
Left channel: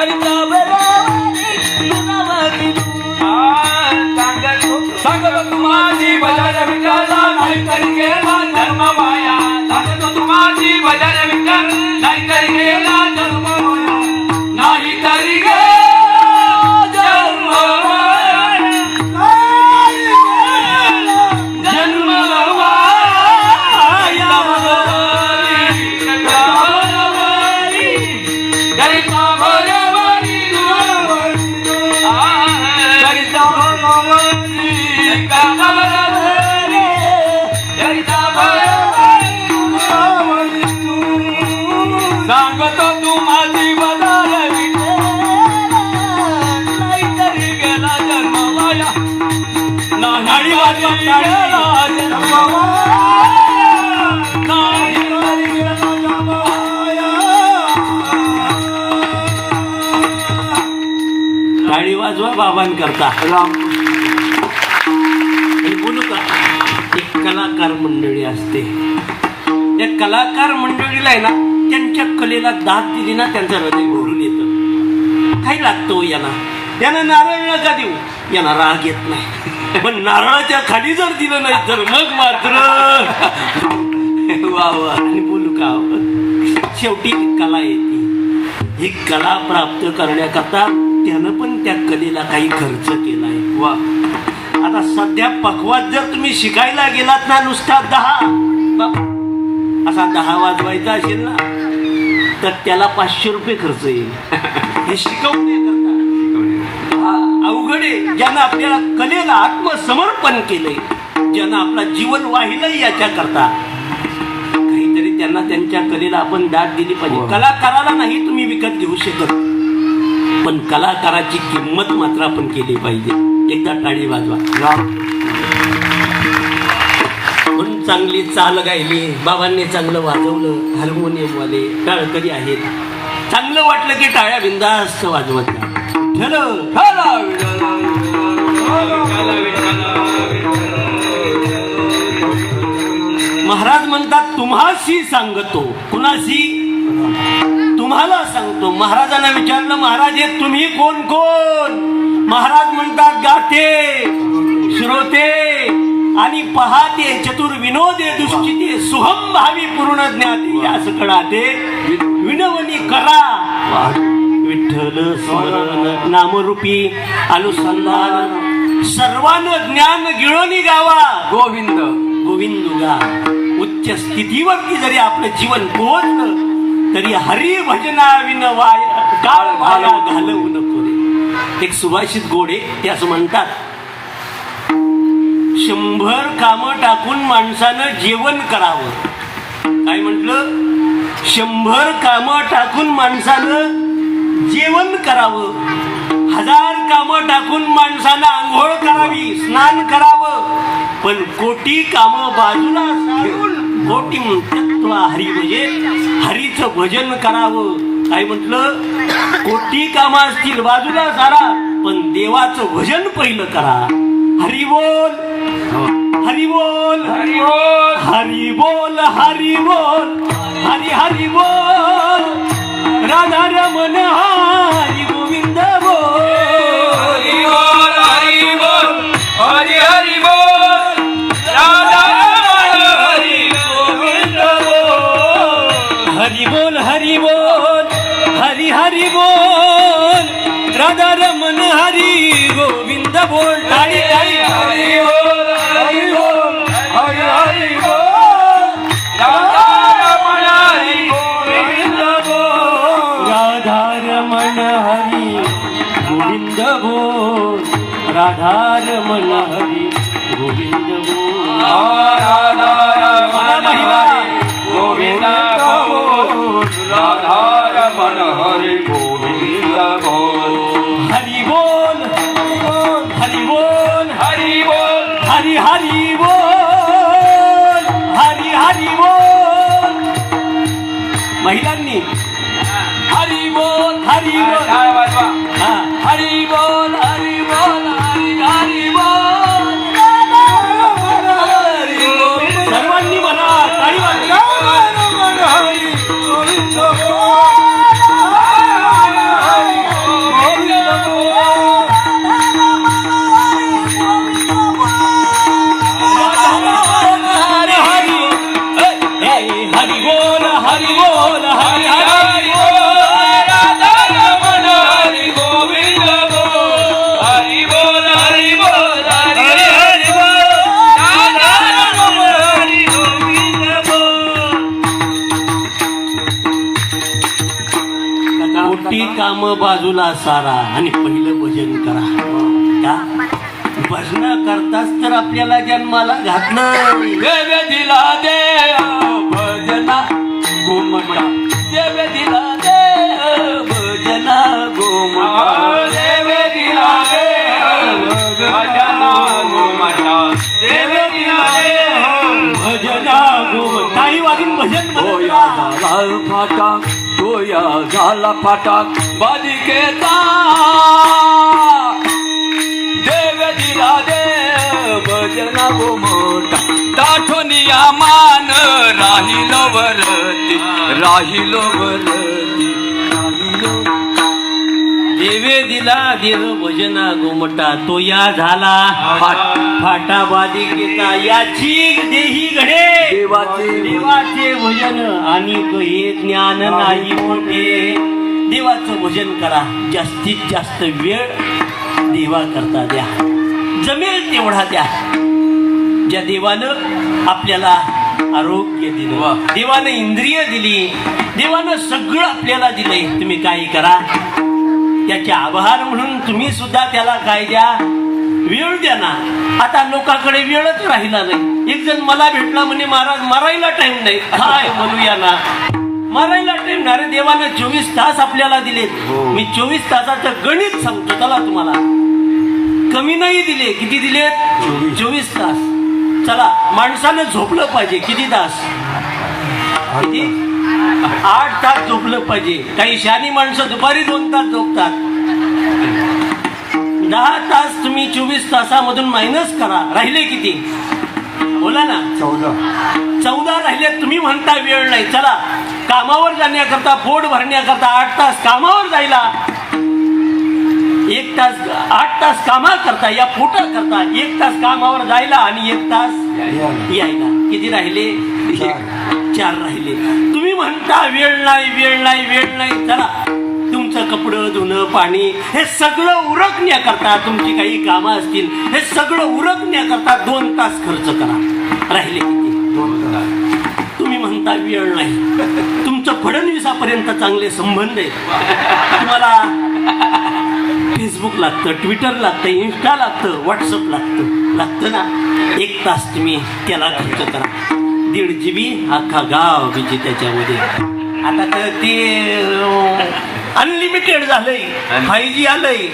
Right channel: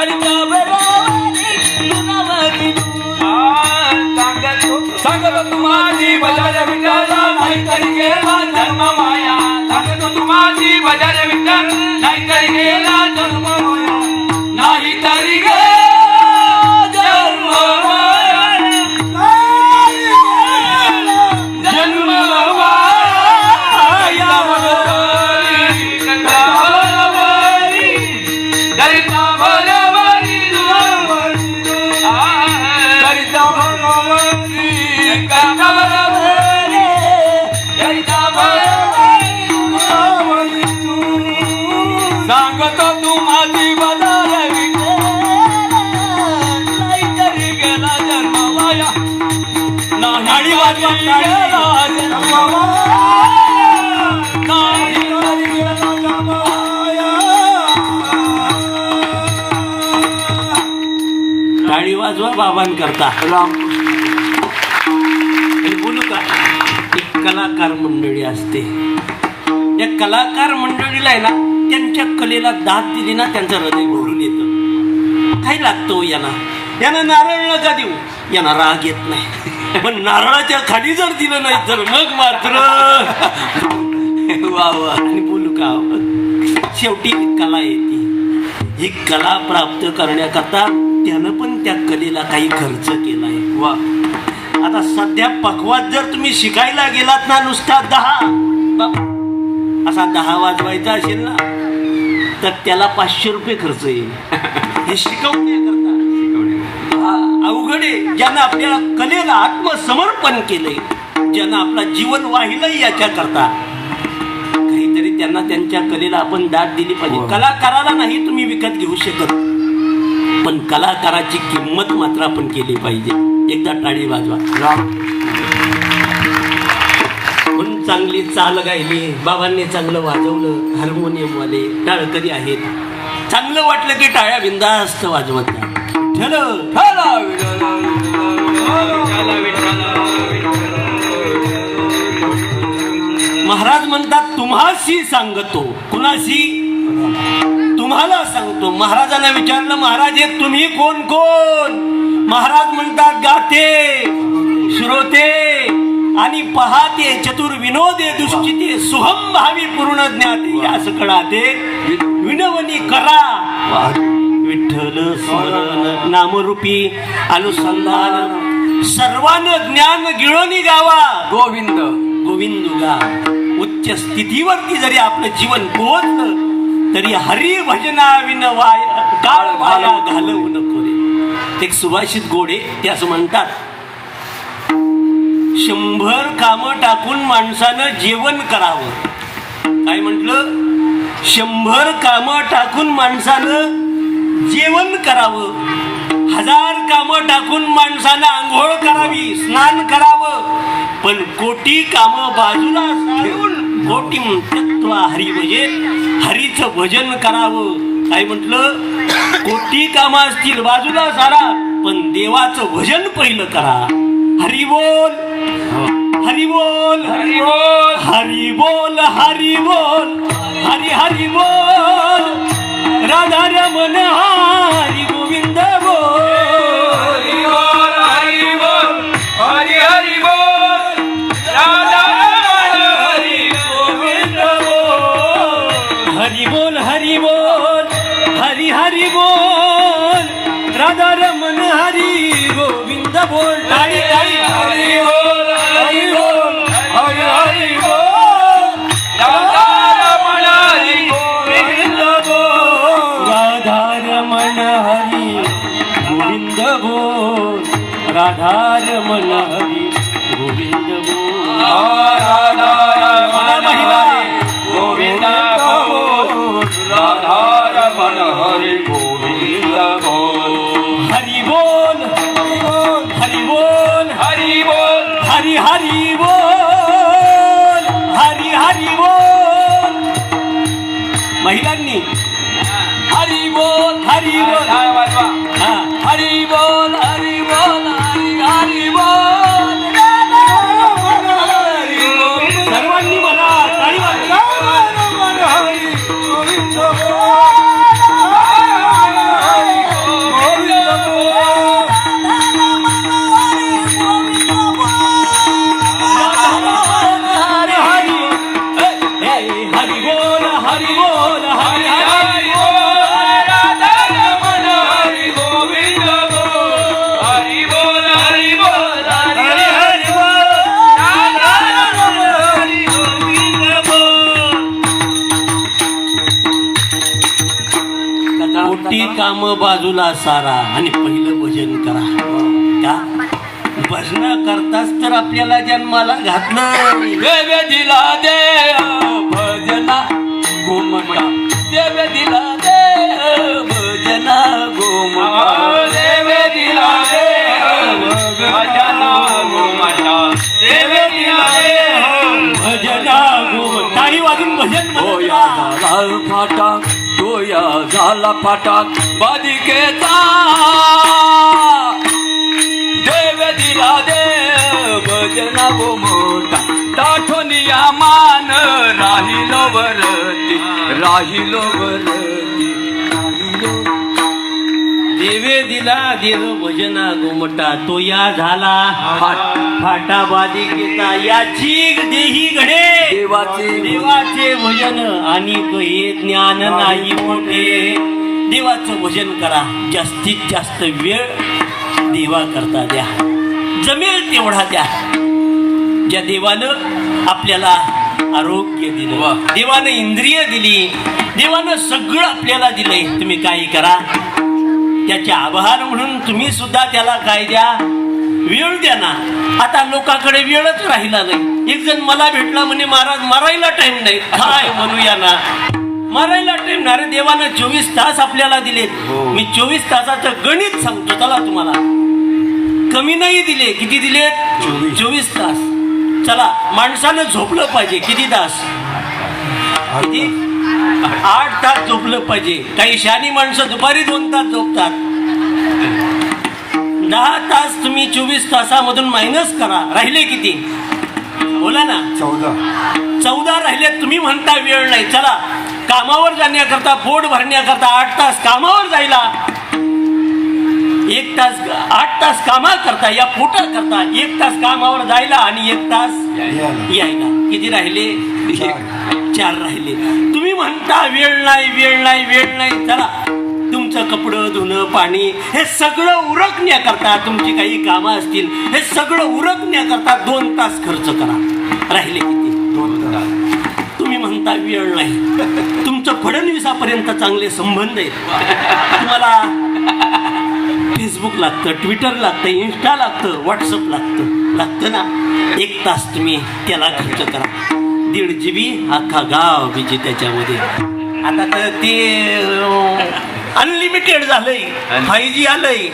करिता सांगतो तुम्हारी बजाय विकाला नाही तरी गेला धर्म माया सांगतो तुम्हारी बजाय विकाल नाही तरी गेला धर्म माया नाही तरी गेला धर्म माया जन्म माया दैता भगवानी सांगतो तुम्हारी बजाय नाही तरी गेला धर्म माया नाडी वाजवा टाळी वाजवा बाबांकरता आणि बोलू का एक कलाकार मंडळी असते. त्या कलाकार मंडळीला आहे ना त्यांच्या कलेला दाद दिली ना त्यांचं हृदय घोरून येतं. काय लागतं हो यानं नारळ नका देऊ, यांना राग येत नाही. पण नारळाच्या खाली जर दिलं नाही तर मग मात्र वा वा. आणि बोलू का शेवटी एक कला येते. ही कला प्राप्त करण्याकरता त्यानं पण त्या कलेला काही खर्च केलाय. वा आता सध्या पकवात जर तुम्ही शिकायला गेलात ना नुसता 10 असा 10 वाजवायचा असेल ना तर त्याला 500 रुपये खर्च येईल. हे शिकवण्याकरता अवघड आहे. ज्यानं आपल्याला कलेला आत्मसमर्पण केलंय, ज्यानं आपला जीवन वाहिलंय याच्याकरता काहीतरी त्यांना त्यांच्या कलेला आपण दाद दिली पाहिजे. कलाकाराला नाही तुम्ही विकत घेऊ शकत, पण कलाकाराची किंमत मात्र आपण केली पाहिजे. एकदा टाळी वाजवा. म्हणून चांगली चाल गायली, बाबांनी चांगलं वाजवलं, हार्मोनियम वाले टाळकरी आहेत. चांगलं वाटलं की टाळ्या बिंदास्त वाजवत नाही. महाराज म्हणतात तुम्हाशी सांगतो. कुणाशी? तुम्हाला सांगतो. महाराजांना विचारलं महाराज हे तुम्ही कोण कोण? महाराज म्हणतात गाते, श्रोते आणि पहाते, चतुर विनोदे दुष्टिते, सुहम भावी पूर्ण ज्ञाते, असं कळाते विनवणी करा. विठ्ठल स्मरण नामरूपी अनुसंधान सर्वांना ज्ञान गिळोनी गावा. गोविंद गोविंदुला उच्च स्थितीवरती जरी आपलं जीवन पोहोचलं तरी हरी भजना विनवाय काळ माया घालवू नको. एक सुभाषित गोडे ते असं म्हणतात 100 कामं टाकून माणसानं जेवण करावं. काय म्हटलं? 100 कामं टाकून माणसानं जेवण करावं, 1000 कामं टाकून माणसानं आंघोळ करावी, स्नान करावं, पण कोटी कामं बाजूला सारून कोटी तत्व हरी म्हणजे हरीचं भजन करावं. काय म्हटलं? कोटी कामं असतील बाजूला सारा, पण देवाचं भजन पहिलं करा. हरी बोल हरी बोल हरी बोल हरी बोल हरी बोल हरी हरी बोल राधा रमण हरी गोविंद बोल. हरी बोल हरी बोल हरी हरी बोल राधा हरी गोविंद बोल. हरी बोल हरी बोल हरी हरी बोल राधा रमण हरी गोविंद बोल. हरी हरी हरी बोल हरी बोल हरी हरी बोल राधा रमण हरी गोविंद बोल. राधा रमण हरी गोविंद बोल राधा रमण हरी गोविंद बोल. राधा रमण हरी गोविंद बोल राधा रमण हरी गोविंद बोल. हरि बोल हरि बोल हरि बोल हरि हरि बोल हरि हरि बोल. महिलांनी हरि बोल हरि बोल हरि बोल हरि बोल हरि हरि बोल. सर्वांनी म्हणा टाळी वाजवा. हरी गोविंद बोल आपला सारा आणि पहिलं भजन करा का भजन करताच तर आपल्याला जन्माला घातलं. देव दिला देव भजना घुमटा देव दिला देव भजना घुमटा देव दिला देव भजना घुमटा देव दिला देव भजना टाळी वाजून भजन होया करा. झाला फाटा होया झाला फाटा बालिकेचा देव दिला देव भजना घुमटा ताठवनिया मान राहिलो वरती राहिलो वरती राहिलो देवे दिला देव भजना गोमटा तो या झाला फाटा बाधिकेचा याची देही घडे देवाचे भजन आणि हे ज्ञान नाही मोठे. देवाचं भजन करा जास्तीत जास्त वेळ देवा करता द्या जमेल तेवढा द्या. ज्या देवानं आपल्याला आरोग्य दिलं देवानं इंद्रिय दिली देवानं सगळं आपल्याला दिलंय तुम्ही काही करा त्याचे आभार म्हणून तुम्ही सुद्धा त्याला काय द्या वेळ द्या ना. आता लोकांकडे वेळच राहिला नाही. एक जण मला भेटला म्हणे महाराज मारायला टाइम नाही. काय म्हणूया ना मारायला टाइम नाही. अरे देवानं 24 तास आपल्याला दिलेत. मी 24 तासाचं गणित सांगतो चला तुम्हाला. कमी नाही दिले किती दिलेत 24 तास. चला माणसानं झोपलं पाहिजे किती तास 8 तास झोपलं पाहिजे. काही शहाणी माणसं दुपारी 2 तास झोपतात. 10 तास तुम्ही 24 तासामधून मायनस करा राहिले किती बोला ना 14 राहिले. तुम्ही म्हणता वेळ नाही. चला कामावर जाण्याकरता पोट भरण्याकरता 8 तास कामावर जायला 1 तास 8 तास कामा करता या पोटा करता 1 तास कामावर जायला आणि 1 तास यायला किती राहिले 4 राहिले. तुम्ही म्हणता वेळ नाही वेळ नाही वेळ नाही. चला तुमचं कपडं धुणं पाणी हे सगळं उरकण्याकरता तुमची काही कामं असतील हे सगळं उरकण्याकरता 2 तास खर्च करा राहिले किती 2 तुम्ही म्हणता वेळ नाही. तुमचं फडणवीसापर्यंत चांगले संबंध आहेत. तुम्हाला फेसबुक लागतं ट्विटर लागतं इन्स्टा लागतं व्हॉट्सअप लागतं ना 1 तास तुम्ही त्याला खर्च करा. 1.5 GB अख्खा गाव तिचे त्याच्यामध्ये. आता तर ते अनलिमिटेड झालंय 5G आलंय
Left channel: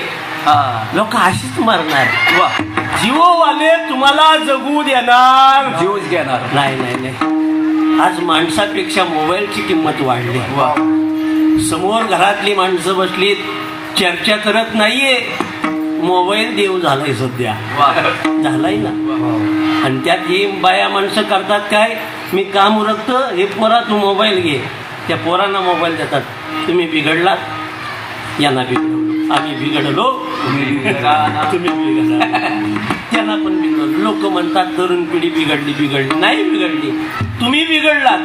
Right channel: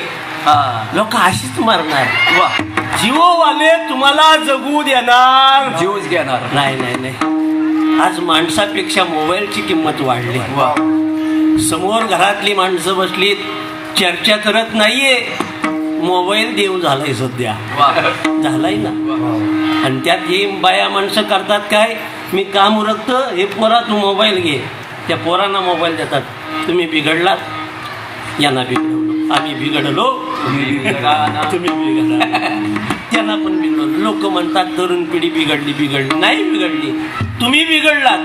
लोक अशीच मारणार. जिओवाले तुम्हाला जगू देणार जीवच घेणार नाही नाही नाही. आज माणसापेक्षा मोबाईलची किंमत वाढली. समोर घरातली माणसं बसलीत चर्चा करत नाहीये. मोबाईल देव झालाय सध्या झालाय ना. आणि त्यात हे बाया माणसं करतात काय मी काम उरकतो हे पोरा तू मोबाईल घे. त्या पोरांना मोबाईल देतात. तुम्ही बिघडलात यांना बिघडलो आम्ही बिघडलो तुम्ही बिघडला त्यांना पण बिघडलो. लोक म्हणतात तरुण पिढी बिघडली नाही बिघडली. तुम्ही बिघडलात.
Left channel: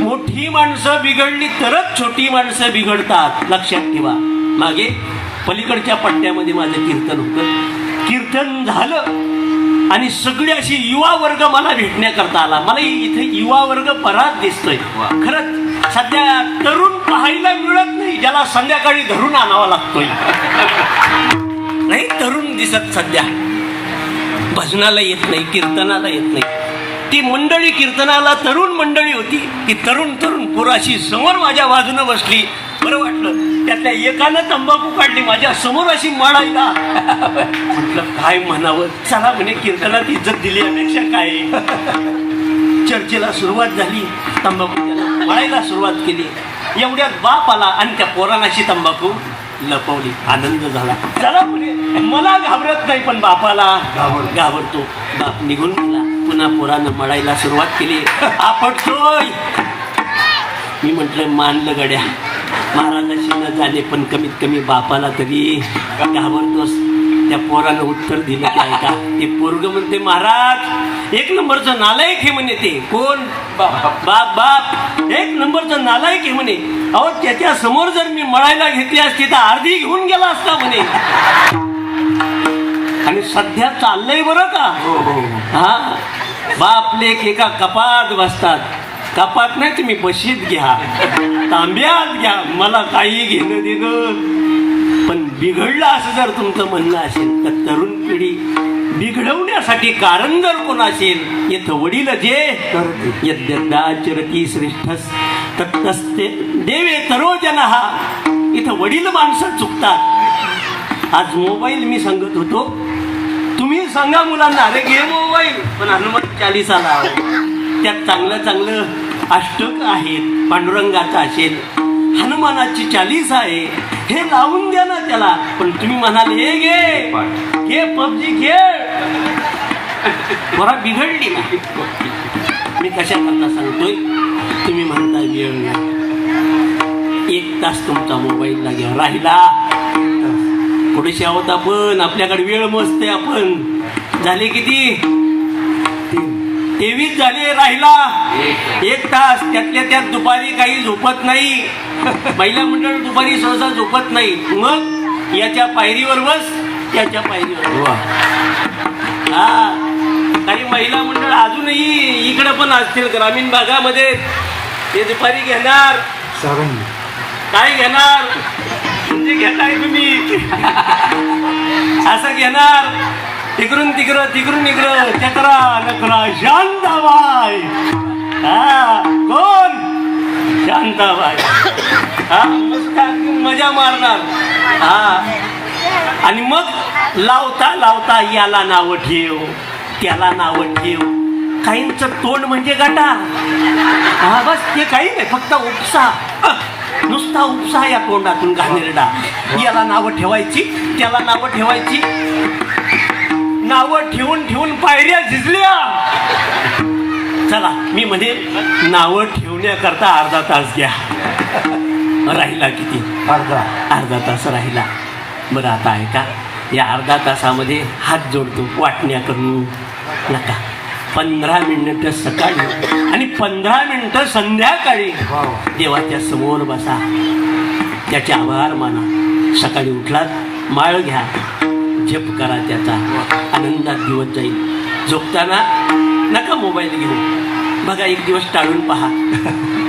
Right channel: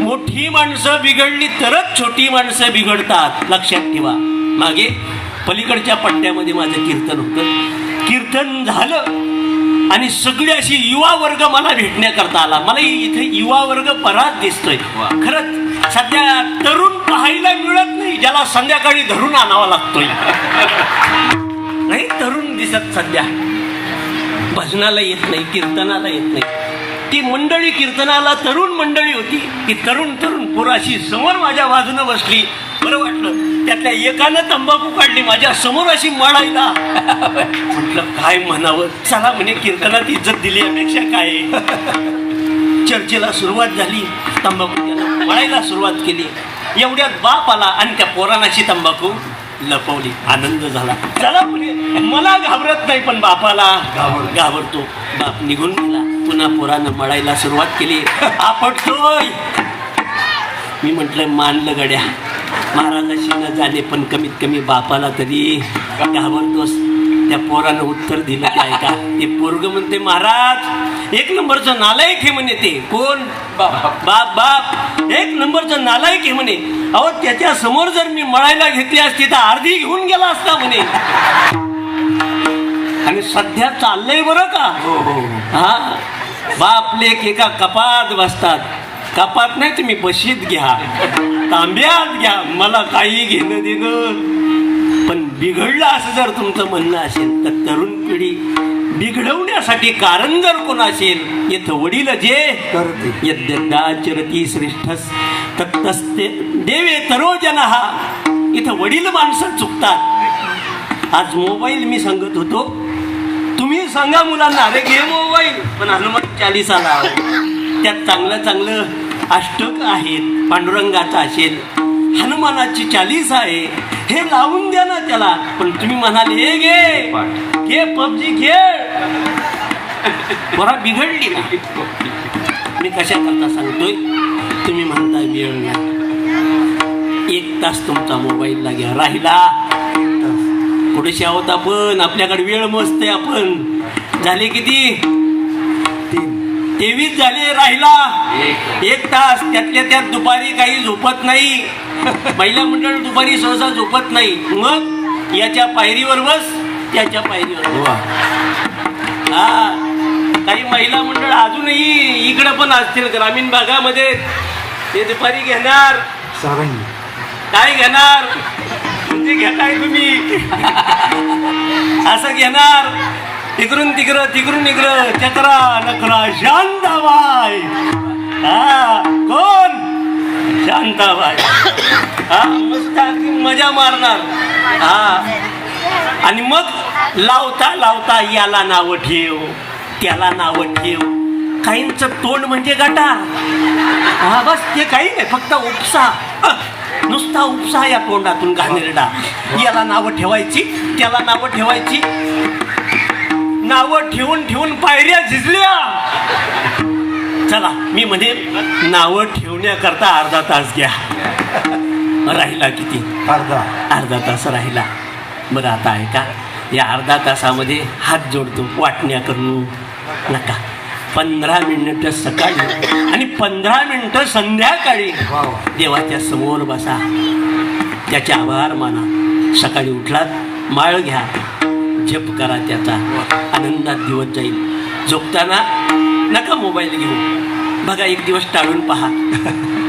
मोठी माणसं बिघडली तरच छोटी माणसं बिघडतात. लक्षात ठेवा. मागे पलीकडच्या पट्ट्यामध्ये माझं कीर्तन होतं. कीर्तन झालं आणि सगळी अशी युवा वर्ग मला भेटण्याकरता आला. मला इथे युवा वर्ग बराच दिसतोय. खरंच सध्या तरुण पाहायला मिळत नाही ज्याला संध्याकाळी धरून आणावा लागतोय. नाही तरुण दिसत सध्या. भजनाला येत नाही कीर्तनाला येत नाही. ती मंडळी कीर्तनाला तरुण मंडळी होती. ती तरुण पोराशी समोर माझ्या बाजूनं बसली. बरं वाटलं. त्यातल्या एकानं तंबाखू काढली माझ्या समोर अशी मळायला. म्हटलं काय म्हणावं. चला म्हणे कीर्तनात इज्जत दिली अपेक्षा काय. चर्चेला सुरुवात झाली. तंबाखू मळायला सुरुवात केली. एवढ्यात बाप आला आणि त्या पोरानाशी तंबाखू लपवली. आनंद झाला. चला म्हणे मला घाबरत नाही पण बापाला घाबरतो. बाप निघून गेला. पुन्हा पोरानं मळायला सुरुवात केली. आपटतोय. मी म्हटलं मानलं गड्या महाराजाशी न जाणे पण कमीत कमी बापाला तरी घाबरतोस. त्या पोरानं उत्तर दिलं काय का ते पोरग म्हणते महाराज 1 नंबरचं नालायक हे म्हणे. ते कोण बाप 1 नंबरचं नालायक हे म्हणे. अहो त्याच्या समोर जर मी मळायला घेतली असती तर अर्धी घेऊन गेला असता म्हणे. आणि सध्या चाललंय बरं का. हा बाप लेक एका कपात बसतात. कपात नाही तुम्ही बशीत घ्या तांब्यात घ्या मला काही घेणं देणं पण बिघडलं असं जर तुमचं म्हणणं असेल तर तरुण पिढी बिघडवण्यासाठी कारण जर कोण असेल येथ वडील जे यद्यदाचरती श्रेष्ठस तत्तस्ते देवे तरोजन हा. इथं वडील माणसं चुकतात. आज मोबाईल मी सांगत होतो, तुम्ही सांगा मुलांना अरे घे मोबाईल, पण हनुमान चालीसाला त्यात चांगलं चांगलं अष्टक आहेत, पांडुरंगाचं असेल, हनुमानाची चालीस आहे, हे लावून द्या ना त्याला. पण तुम्ही म्हणाल हे घे पबजी खेळ, बरा बिघडली. मी कशा करता सांगतोय, तुम्ही म्हणता वेळ 1 तास तुमचा मोबाईलला घ्या, राहिला थोडेसे आहोत आपण, आपल्याकडे वेळ मस्त आहे. आपण झाले किती 23 झाले, राहिला 1 तास. त्यातल्या त्यात दुपारी काही झोपत नाही, महिला मंडळ दुपारी सहसा झोपत नाही. मग याच्या पायरीवर बस, त्याच्या पायरीवर हा. काही महिला मंडळ अजूनही इकडं पण असतील ग्रामीण भागामध्ये, ते दुपारी घेणार. काय घेणार म्हणजे घेताय तुम्ही असं घेणार, इकडून तिकडून इकडं, चतरा नकरा शांताबाई. कोण शांताबाई? मजा मारणार. आणि मग लावता लावता याला नाव ठेव, त्याला नाव ठेव. काहींचं तोंड म्हणजे गटार. बस ते काही नाही, फक्त उपसा, नुसता उपसा या तोंडातून घाणेरडा. याला नावं ठेवायची, त्याला नावं ठेवायची. नावं ठेवून ठेवून पायऱ्या झिजल्या. चला मी म्हणे नावं ठेवण्याकरता अर्धा तास घ्या. राहिला किती? अर्धा तास राहिला. बरं आता आहे का, या अर्धा तासामध्ये हात जोडतो, वाटण्या करून नका. 15 मिनिटं सकाळी आणि 15 मिनिटं संध्याकाळी देवाच्या समोर बसा, त्याचे आभार माना. सकाळी उठलात माळ घ्या, जप करा, त्याचा आनंदात दिवस जाईल. झोपताना नका मोबाईल घेऊ, बघा 1 दिवस टाळून पहा.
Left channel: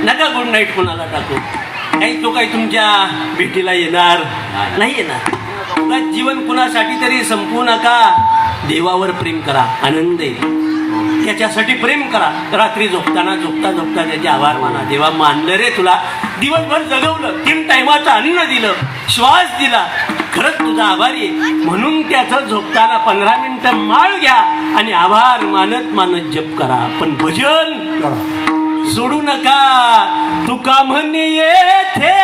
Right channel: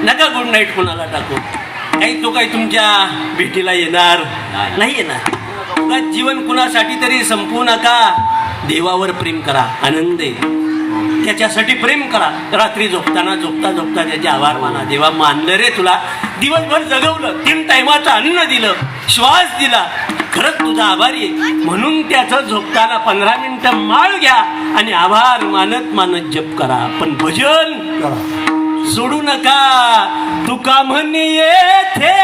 नका गुड नाईट कोणाला टाकू. काही तो काही तुमच्या भेटीला येणार नाही, येणार. जीवन कुणासाठी तरी संपवू नका. देवावर प्रेम करा, आनंद आहे, त्याच्यासाठी प्रेम करा. रात्री झोपताना झोपता त्याचे आभार माना. देवा मानलं रे तुला, दिवसभर जगवलं, 3 टायमाचं अन्न दिलं, श्वास दिला, खरंच तुझा आभारी आहे. म्हणून त्याचं झोपताना 15 मिनिटं माळ घ्या आणि आभार मानत मानत जप करा. पण भजन सोडू नका. तुका म्हणे येथे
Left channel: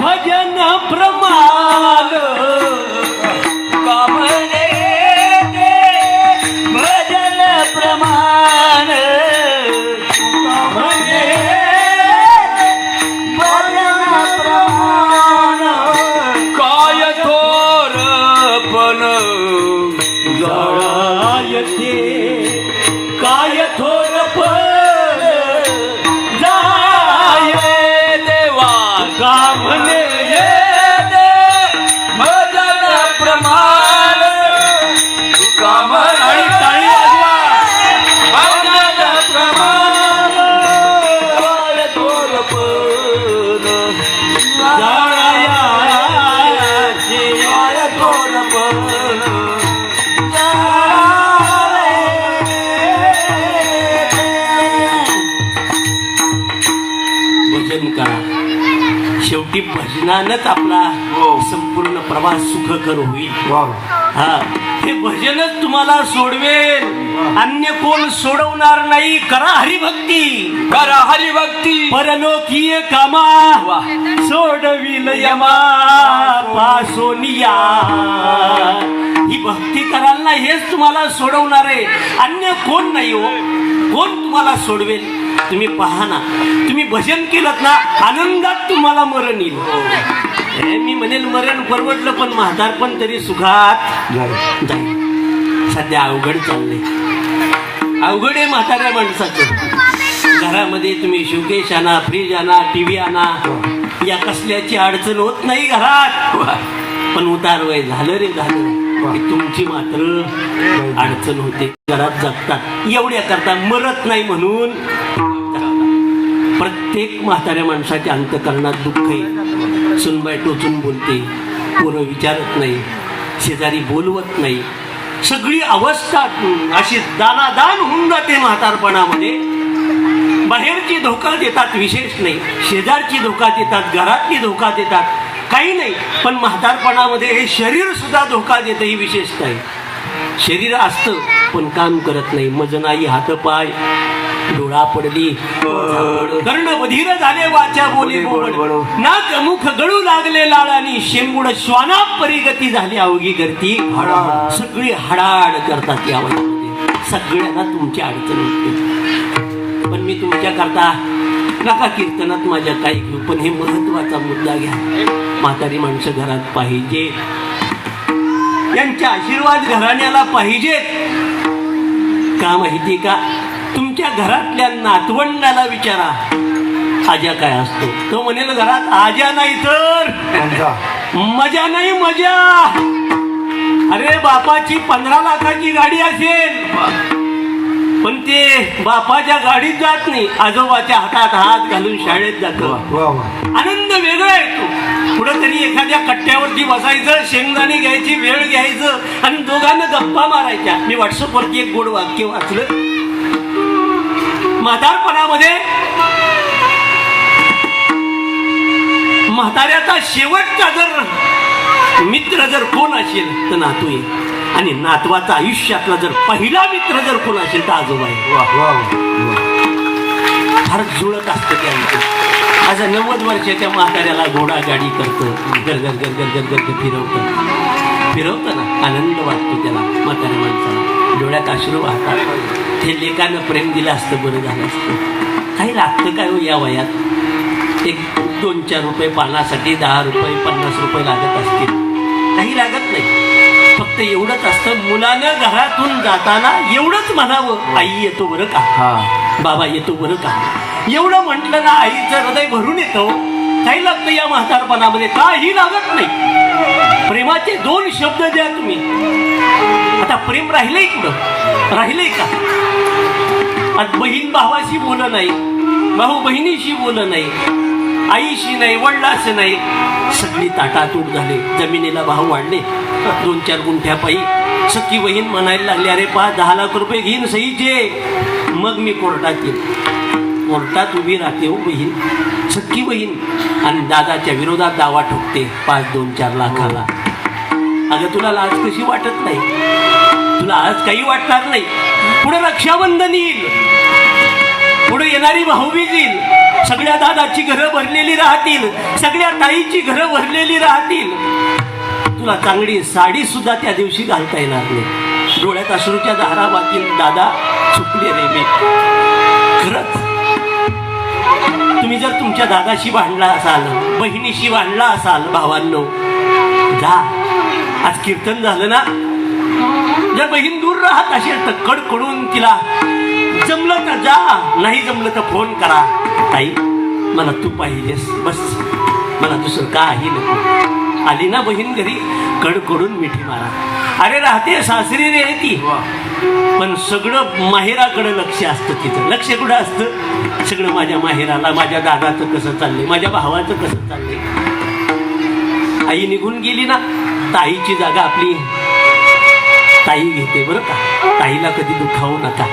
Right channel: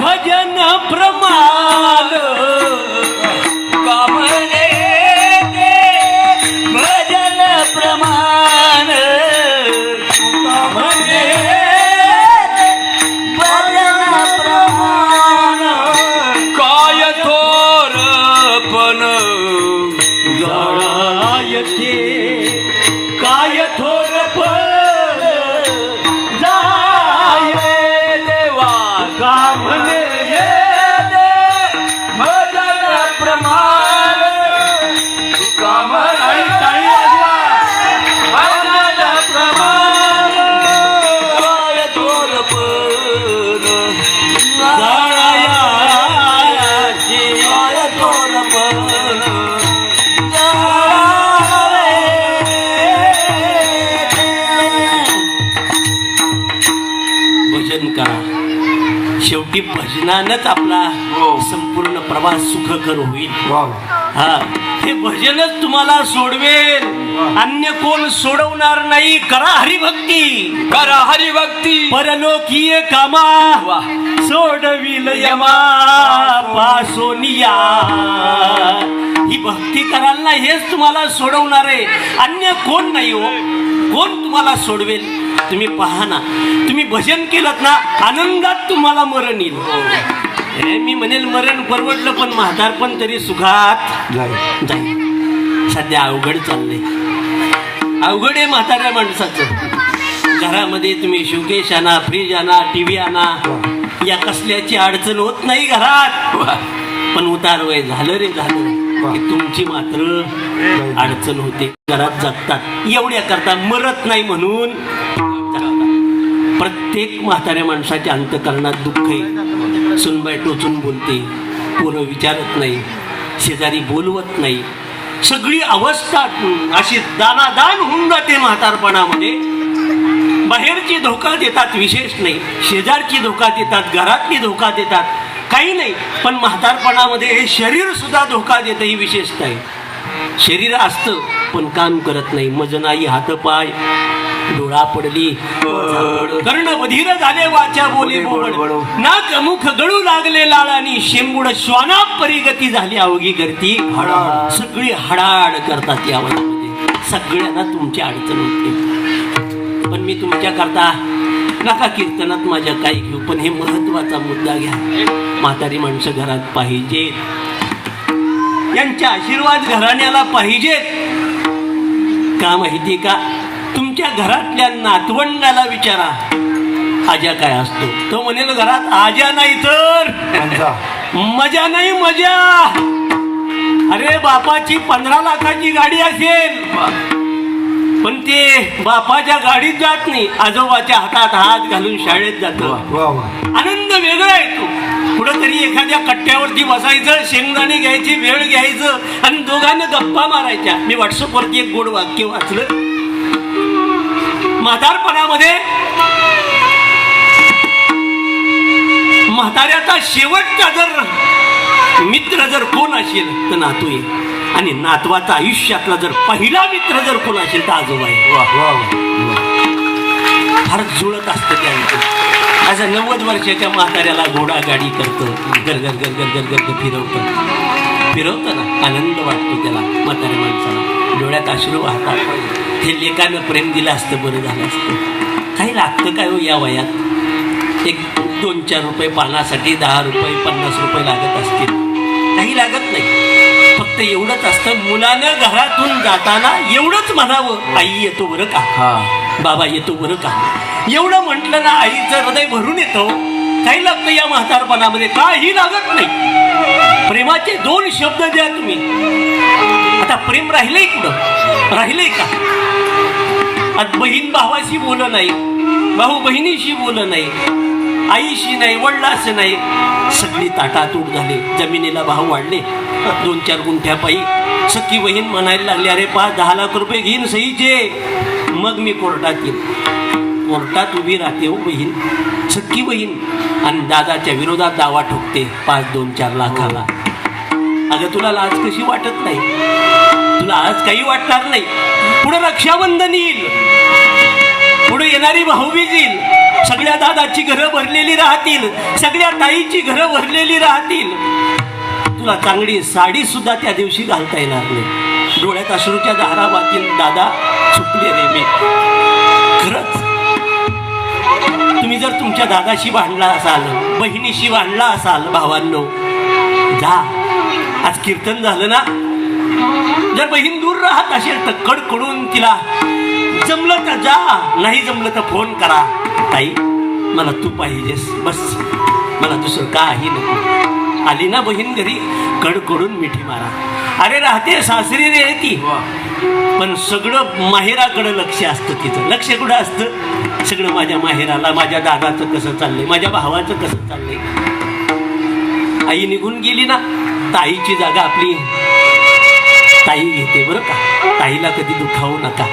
भजन प्रमाण, काय थोरपण जाय देवा, का म्हणे प्रमाण, काम प्रमाण, काय थोरपण जायाचे, काय थोरपण. भजन करा. शेवटी भजनानंच आपला संपूर्ण प्रवास सुखकर होईल. हे भजनच तुम्हाला सोडवेल, अन्य कोण सोडवणार नाही. करा हरिभक्ती, करा हरिभक्ती, परलोकीय कामा सोडविल यमा पासोनिया. ही भक्ती कराल ना, हेच तुम्हाला सोडवणार आहे, अन्य कोण नाही हो. कोण तुम्हाला सोडवेल? तुम्ही पहा ना, तुम्ही भजन केलं ना, आनंदात तुम्हाला मरण येईल. मी म्हणेल मरण परवडलं, पण म्हातारपण तरी सुखात जाईल. सध्या अवघड चाललंय, अवघड आहे म्हाताऱ्या माणसाचं. घरामध्ये तुम्ही शोकेश आणा, फ्रीज आणा, टीव्ही आणा, या कसल्याची अडचण होत नाही घरात. पण उतार वय झालं रे झालं की तुमची मात्र अडचण होते. घरात जगतात एवढ्या करता, मरत नाही म्हणून. प्रत्येक म्हाताऱ्या माणसाच्या अंतकरणात दुःख आहे. सुनबाई टोचून बोलते, पोरं विचारत नाही, शेजारी बोलवत नाही. सगळी अवस्था अशी दानादान होऊन जाते म्हातारपणामध्ये. बाहेरची धोका देतात विशेष नाही, शेजारची धोका देतात, घरातली धोका देतात, काही नाही. पण म्हातारपणामध्ये हे शरीर सुद्धा धोका देतं ही विशेषता आहे. शरीर असतं पण काम करत नाही. मजनाई हातपाय डोळा पडली, कर्ण बधीर झाले वाचा बोले बोबड, नाक मुख गळू लागले लाळानी, शेंबुड श्वाना परिगती झाली अवघी करती. सगळी हडाड करतात यामध्ये. सगळ्यांना तुमची अडचण येते. पण मी तुमच्या करता नका कीर्तनात माझ्या काही घेऊ, पण हे महत्वाचा मुद्दा घ्या. म्हातारी माणसं घरात पाहिजे, यांचे आशीर्वाद घराण्याला पाहिजेत. का माहिती का? तुमच्या घरातल्या नातवंडाला विचारा आजा काय असतो. तो म्हणेल घरात आजा नाही तर मजा नाही, मजा. अरे बापाची 15 लाखाची गाडी असेल पण ते बापाच्या गाडीत जात नाही, आजोबाच्या हातात हात घालून शाळेत जातो. आनंद वेगळा येतो. कुठंतरी एखाद्या कट्ट्यावरती बसायचं, शेंगदाणे घ्यायची, वेळ घ्यायचं आणि दोघांना गप्पा मारायच्या. मी व्हॉट्सअपवरती एक गोड वाक्य वाचलं. म्हातारपणामध्ये म्हाताऱ्याचा शेवटचा जर मित्र जर कोण असेल तर नातू आहे, आणि नातवाचा आयुष्यातला जर पहिला मित्र जर कोण असेल तर आजोबा आहे. फार जुळत असतं त्यांचं. माझ्या 90 वर्षाच्या म्हाताऱ्याला घोडा गाडी करतो, गरगर गरगर गरगर फिरवतं ना, आनंद वाटतो त्याला. म्हाताऱ्या माणसाला डोळ्यात अश्रू वाहतात. हे लेकानं प्रेम दिलं असतं बरं झालं असतं. काही लागतं काय हो या वयात? एक 2-4 रुपये पानासाठी 10 रुपये 50 रुपये लागत असतील, काही लागत नाही. फक्त एवढंच असतं, मुलानं घरातून जाताना एवढंच म्हणावं, आई येतो बरं का, बाबा येतो बरं का. एवढं म्हटलं ना आईचं हृदय भरून येतं. काही लागतं या म्हातारपणामध्ये? काही लागत नाही. प्रेमाचे 2 शब्द द्या तुम्ही. आता प्रेम राहिलंय कुठं? राहिलंय का? बहीण भावाशी बोलत नाही, भाऊ बहिणीशी बोलत नाही, आईशी नाही, वडिलाशी नाही. सगळी ताटातूट झाली. जमिनीला भाव वाढले 2-4 गुंठ्या पायी. सख्खी बहीण म्हणायला लागली, अरे 5-10 लाख रुपये घेईन सहीचे, मग मी कोर्टात येईन. कोर्टात उभी राहते हो बहीण, सख्खी बहीण, आणि दादाच्या विरोधात दावा ठोकते 5-2-4 लाखाला. अगं तुला लाज कशी वाटत नाही? तुला आज काही वाटणार नाही. पुढे रक्षाबंधन येईल, पुढे येणारी भाऊबीज येईल. सगळ्या दादाची घरं भरलेली राहतील, सगळ्या ताईची घरं भरलेली राहतील. तुला चांगली साडी सुद्धा त्या दिवशी घालता येणार नाही. डोळ्यात अश्रूच्या धारा वाहतील. दादा चुकले रे मी. खरंच तुम्ही जर तुमच्या दादाशी भांडला असाल, बहिणीशी भांडला असाल, भावांनो जा. आज कीर्तन झालं ना, जर बहीण दूर राहत असेल तर कडकडून तिला जमलं तर जा, नाही जमलं तर फोन करा. ताई मला तू पाहिजेस, बस मला दुसरं काही नको. आली ना बहीण घरी, कडकडून मिठी मारा. अरे राहते सासरी रे ती, पण सगळं माहेराकडे लक्ष असतं. तिचं लक्ष कुठं असतं? सगळं माझ्या माहेराला, माझ्या दादाचं कसं चाललंय, माझ्या भावाचं कसं चाललंय. आई निघून गेली ना, ताईची जागा आपली ताई घेते बरं का. ताईला कधी दुखावू नका.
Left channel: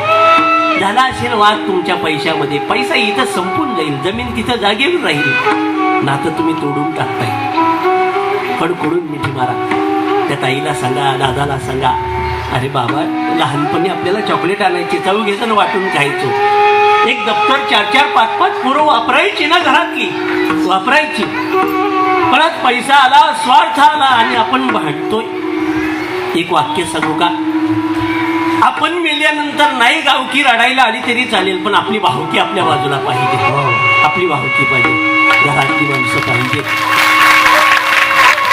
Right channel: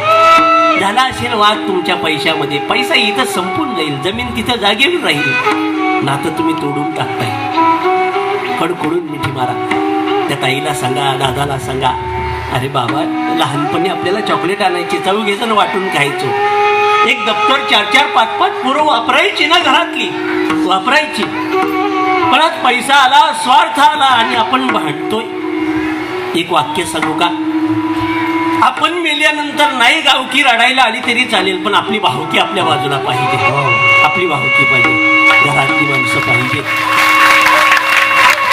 झाला असेल वाद तुमच्या पैशामध्ये, पैसा इथं संपून जाईल, जमीन तिथं जागेवर राहील, नातं तुम्ही तोडून टाकताय. कडकडून मिठी मारा. त्या ताईला सांगा, दादाला सांगा, अरे बाबा लहानपणी आपल्याला चॉकलेट आणायची, चव घ्यायचं वाटून खायचं. एक दप्तर 4-4, 5-5 पोरं वापरायची ना घरातली, वापरायची. परत पैसा आला, स्वार्थ आला आणि आपण भांडतोय. एक वाक्य सांगू का? आपण मेल्यानंतर नाही गावठी रडायला आली तरी चालेल, पण आपली भावकी आपल्या बाजूला पाहिजे. आपली भावकी पाहिजे, घरातली माणसं पाहिजे.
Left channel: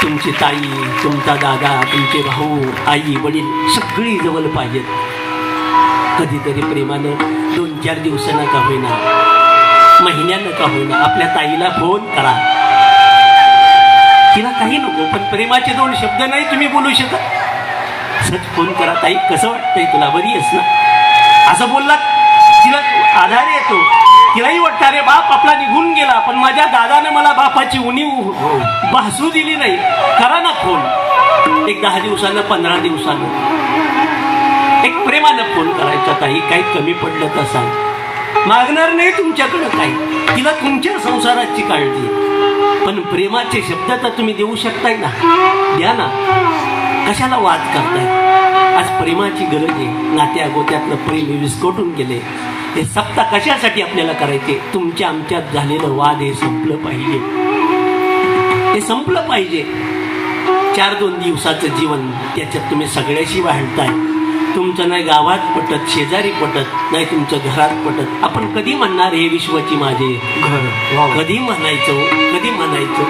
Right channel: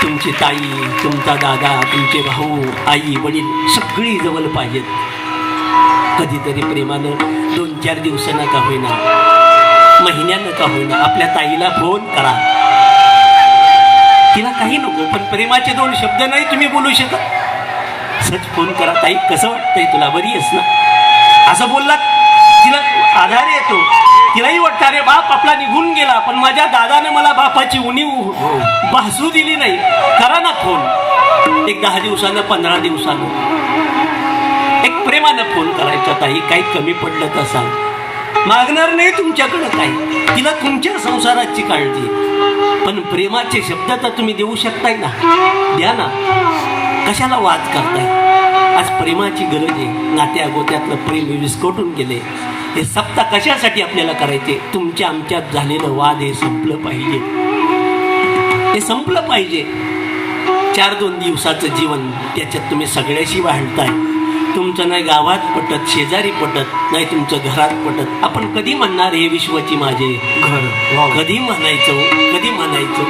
तुमची ताई, तुमचा दादा, तुमचे भाऊ, आई, वडील सगळी जवळ पाहिजेत. कधीतरी प्रेमानं 2-4 दिवसानं का होईना, महिन्यानं का होईना आपल्या ताईला फोन करा. तिला काही नको, पण प्रेमाचे 2 शब्द नाही तुम्ही बोलू शकत. सच फोन करा, ताई कसं वाटतंय तुला, बरी आहेस ना? असं बोललात तिला आधार येतो. तिलाही वाटतं अरे बाप आपला निघून गेला, पण माझ्या दादाने मला बापाची उणीव भासू दिली नाही. करा ना फोन एक 10 दिवसानं 15 दिवसानं एक प्रेमानं फोन करायचा. ताई काही कमी पडलं तर सांग. मागणार नाही तुमच्याकडे काही, तिला तुमच्या संसाराची काळजी, पण प्रेमाचे शब्द तर तुम्ही देऊ शकताय ना, द्या ना. कशाला वाद करताय? आज प्रेमाची गरज आहे. नात्या गोत्यातलं प्रेम विस्कटून गेले. हे सप्ताह कशासाठी आपल्याला करायचे? तुमच्या आमच्यात झालेलं वाद हे संपलं पाहिजे, हे संपलं पाहिजे. 4-2 दिवसाचं जीवन त्याच्यात तुम्ही सगळ्याशी वाढताय. तुमचं नाही गावात पटत, शेजारी पटत, नाही तुमचं घरात पटत. आपण कधी म्हणणार हे विश्वाची माझे घर? कधी म्हणायचं? कधी म्हणायचं?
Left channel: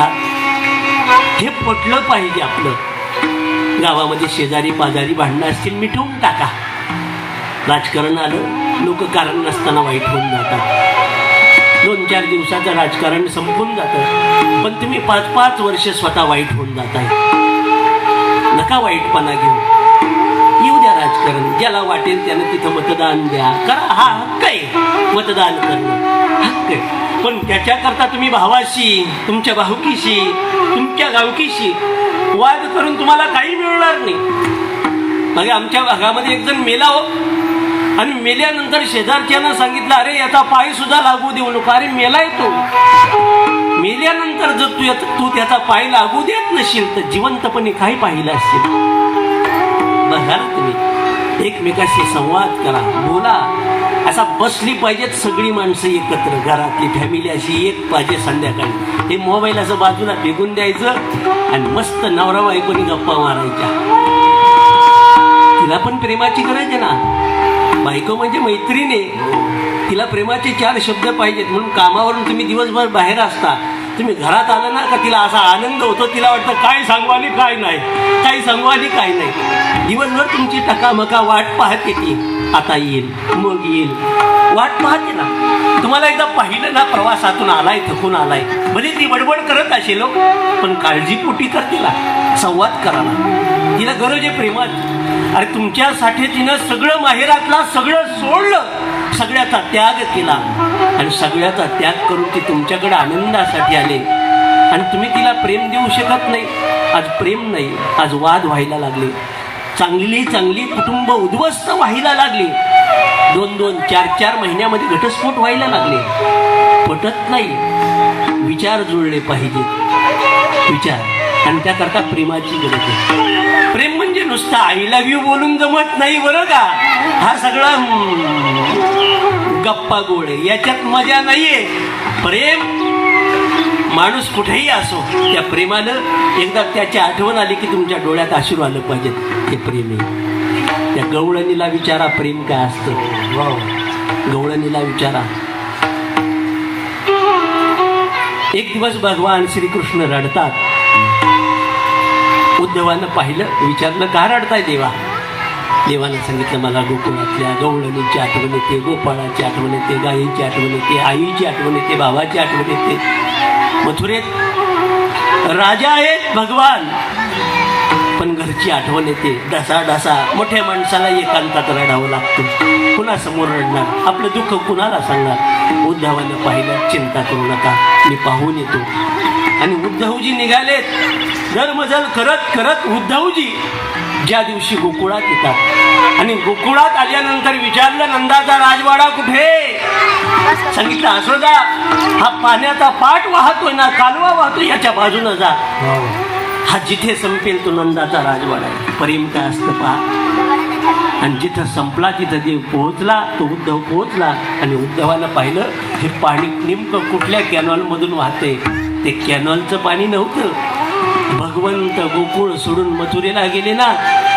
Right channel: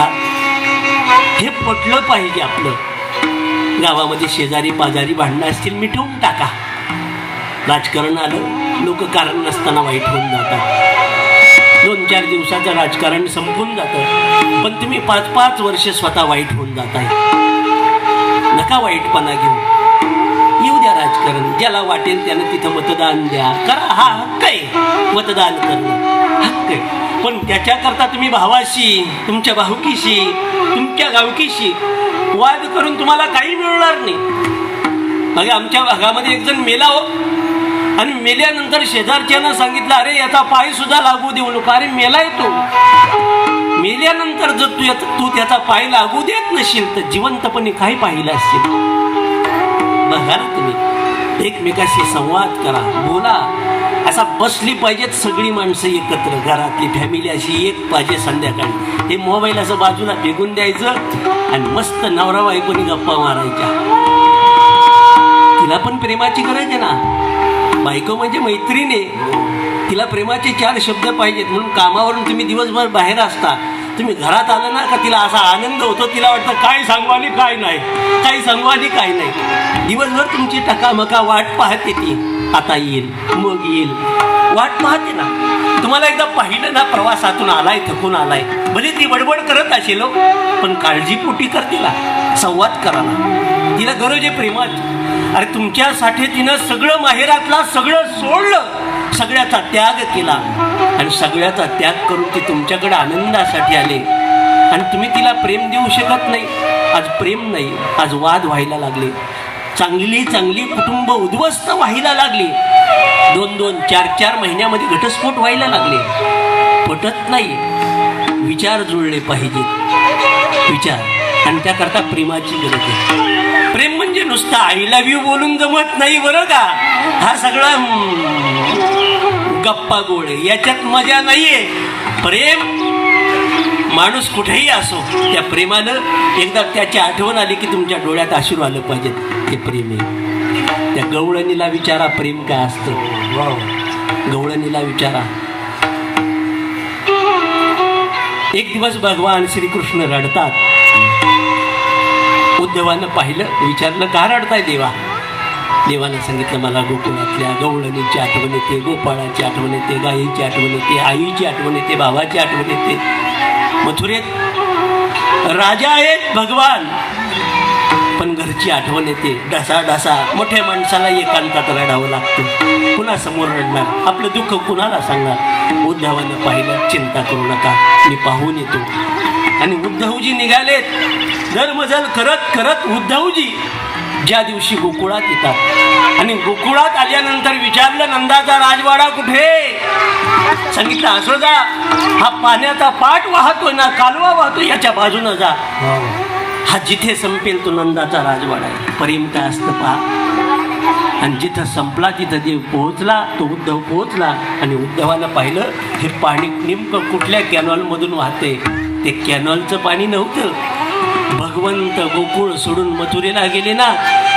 हा, हे पटलं पाहिजे आपलं. गावामध्ये शेजारी पाजारी भांडणं असतील, मिटवून टाका. राजकारण आलं, लोक कारण नसताना वाईट होऊन जातात. 2-4 दिवसाचं राजकारण संपून जातं, पण तुम्ही 5-5 वर्ष स्वतः वाईट होऊन जाताय. नका वाईटपणा घेऊ. येऊ द्या राजकारण, ज्याला वाटेल त्यानं तिथं मतदान द्या, करा. हा हक्क आहे, मतदान करणं हक्क आहे. पण त्याच्याकरता तुम्ही भावाशी, तुमच्या भाऊकीशी, तुमच्या गावकीशी वाद करून तुम्हाला काही मिळणार नाही. बघा, आमच्या भागामध्ये एक जण मेला हो, आणि मेल्यानंतर शेजारच्यानं सांगितलं, अरे याचा पाय सुद्धा लागू देऊ नका. अरे मेलाय तो, मेल्यानंतर जर तू त्याचा पाय लागू देत नशील तर जिवंतपणे काय पाहिलं असेल? बघा तुम्ही एकमेकाशी संवाद करा, बोला. असा बसली पाहिजेत सगळी माणसं एकत्र, घरातली फॅमिली अशी एक पाहिजे. संध्याकाळी हे मोबाईल असं बाजूला फेकून द्यायचं आणि मस्त नवरा बायकोनी गप्पा मारायच्या. तिला पण प्रेमाची गरज आहे ना. बायको म्हणजे मैत्रीण आहे, तिला प्रेमाचे 4 शब्द पाहिजेत. म्हणून कामावरून तुम्ही दिवसभर बाहेर असता, तुम्ही घरात आला ना का तिला असा आनंद होतो. तिला वाटतं काय सांगू आली काय नाही, काय सांगू आली काय नाही. दिवसभर तुमची टकामका वाट पाहते ती. आता येईल, मग येईल, वाट पाहते ना. तुम्हाला एकदा पाहिलं ना, प्रवासातून आलाय, थकून आलाय, भले ती बडबड करत असेल, पण काळजीपोटी कर तिला, संवाद करावा. तिला गरज आहे प्रेमाची. अरे तुमच्यासाठी तिनं सगळं माहेरातला सगळं सोडलं, सगळ्याचा त्याग केला, आणि सगळ्याचा त्याग करून ती तुमच्याकडे आनंदासाठी आले, आणि तुम्ही तिला प्रेम देऊ शकत नाही. आज प्रेम नाही, आज वाद व्हायला लागले. चांगली चांगली कुटुंब उद्ध्वस्त व्हायला लागली. 2-2, 4-4 महिन्यामध्ये घटस्फोट व्हायला लागले. पटत नाही. विचार जुळले पाहिजेत, विचार. आणि त्याकरता प्रेमाची गरज आहे. प्रेम म्हणजे नुसतं आय लव्ह यू बोलून जमत नाही बरं का. हा सगळा गप्पा गोड आहे, याच्यात मजा नाहीये. प्रेम माणूस कुठेही असो, त्या प्रेमानं एकदा त्याची आठवण आली की तुमच्या डोळ्यात अश्रू आलं पाहिजे. ते प्रेम आहे. त्या गवळणीला विचारा प्रेम काय असतं. गवळणीला विचारा. एक दिवस भगवान श्रीकृष्ण रडतात. उद्धवानं पाहिलं, विचारलं का रडताय देवा? देवानं सांगितलं, मला गोकुळातल्या गवळणीची आठवण येते, गोपाळाची आठवण येते, गायीची आठवण येते, आईची आठवण येते, भावाची आठवण येते. मथुरेत राजा आहेत भगवान, पण घरची आठवण येते. ढसा मोठ्या माणसाला एकांतात रडावं लागतं. कुणा समोर रडणार? आपलं दुःख कुणाला सांगणार? उद्धवानं पाहिलं, चिंता करू नका, मी पाहून येतो. आणि उद्धवजी निघालेत. दरमजल करत करत उद्धवजी ज्या दिवशी गोकुळात येतात, आणि गोकुळात आल्यानंतर विचारलं, नंदाचा राजवाडा कुठे? सांगितलं, असोदा, हा पाण्याचा पाट वाहतोय ना, कालवा वाहतो, याच्या बाजूनं जा. हा जिथे संपेल तो नंदाचा राजवाडा आहे. प्रेम काय असतं पहा. आणि जिथं संपला तिथं देव पोहोचला, तो उद्धव पोहोचला. आणि उद्धवानं पाहिलं, हे पाणी नेमकं कुठल्या कॅनॉलमधून वाहते. ते कॅनॉलचं पाणी नव्हतं. भगवंत गोकुळ सोडून मथुरेला गेले ना,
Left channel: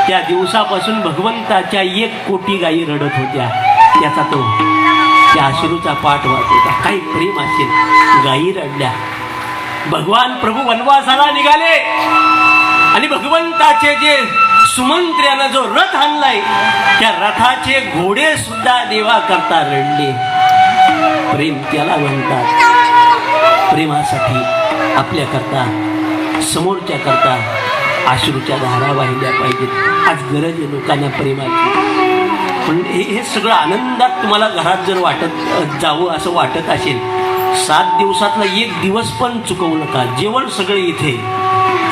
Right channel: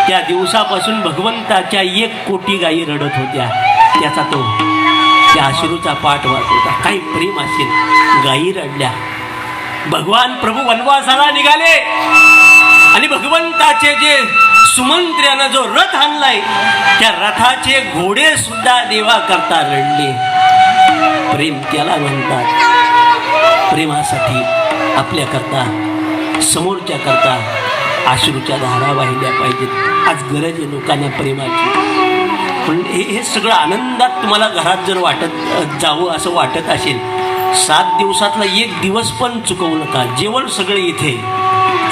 त्या दिवसापासून भगवंताच्या 1 कोटी गायी रडत होत्या. त्याचा तो त्या अश्रूचा पाठ वाहत होता. काही प्रेम असेल, गायी रडल्या. भगवान प्रभू वनवासाला निघाले, आणि भगवंताचे जे सुमंत्र्यानं जो रथ आणलाय, त्या रथाचे घोडे सुद्धा देवा करता रडले. प्रेम त्याला म्हणतात. प्रेमासाठी आपल्या करता, समोरच्या करता अश्रूच्या धारा वाहिल्या पाहिजेत. आज गरज आहे लोकांना प्रेमाची. पण हे सगळं आनंदात तुम्हाला घरात जर वाटत जावं असं वाटत असेल, 7 दिवसातला 1 दिवस पण चुकवू नका. जेवण सगळं इथे,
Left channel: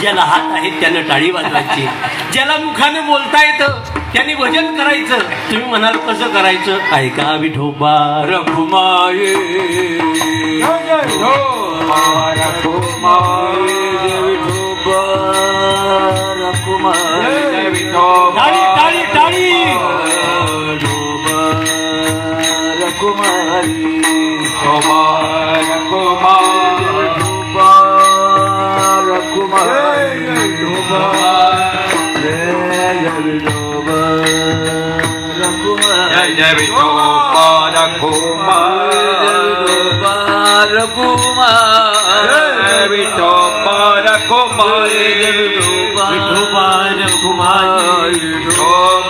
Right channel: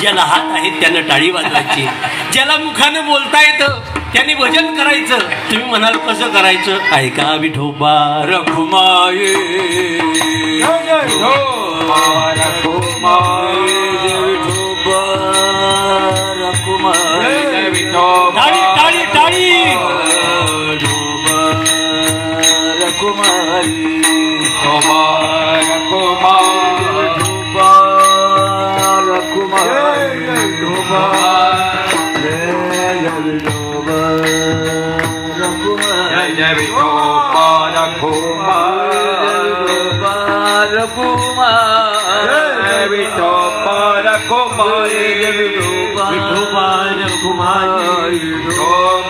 ज्याला हात आहेत त्यानं टाळी वाजवायची, ज्याला मुखाने बोलता येतं त्यांनी भजन करायचं. तुम्ही म्हणाल कसं करायचं? ऐका विठोबा रघुमाये टाळी टाळी टाळी.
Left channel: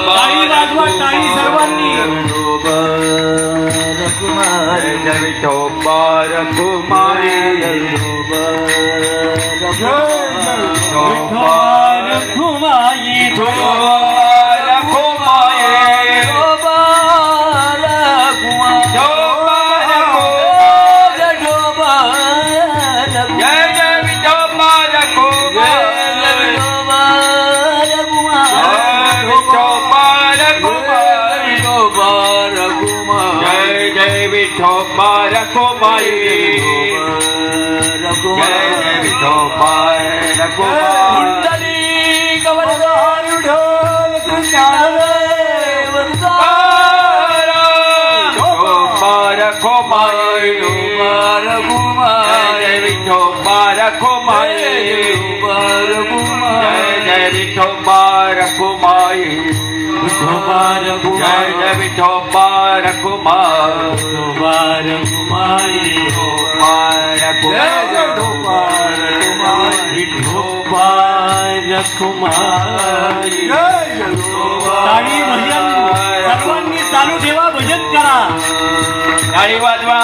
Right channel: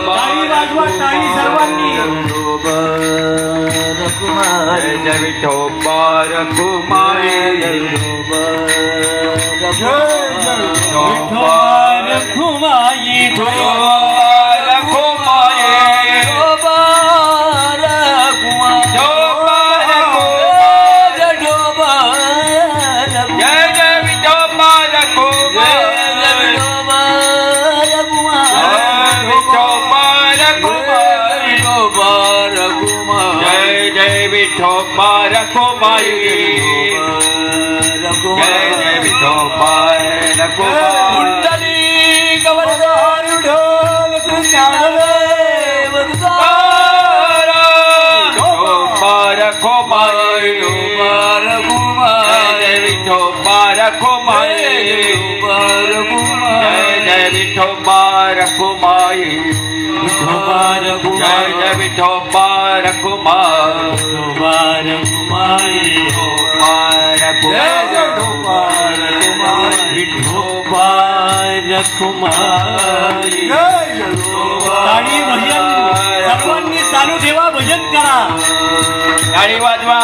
टाळी वाजवा, टाळी सर्वांनी. टाळी भजन सर्वांनी चालू ठेवा, भजन करा. टाळी वाजवा.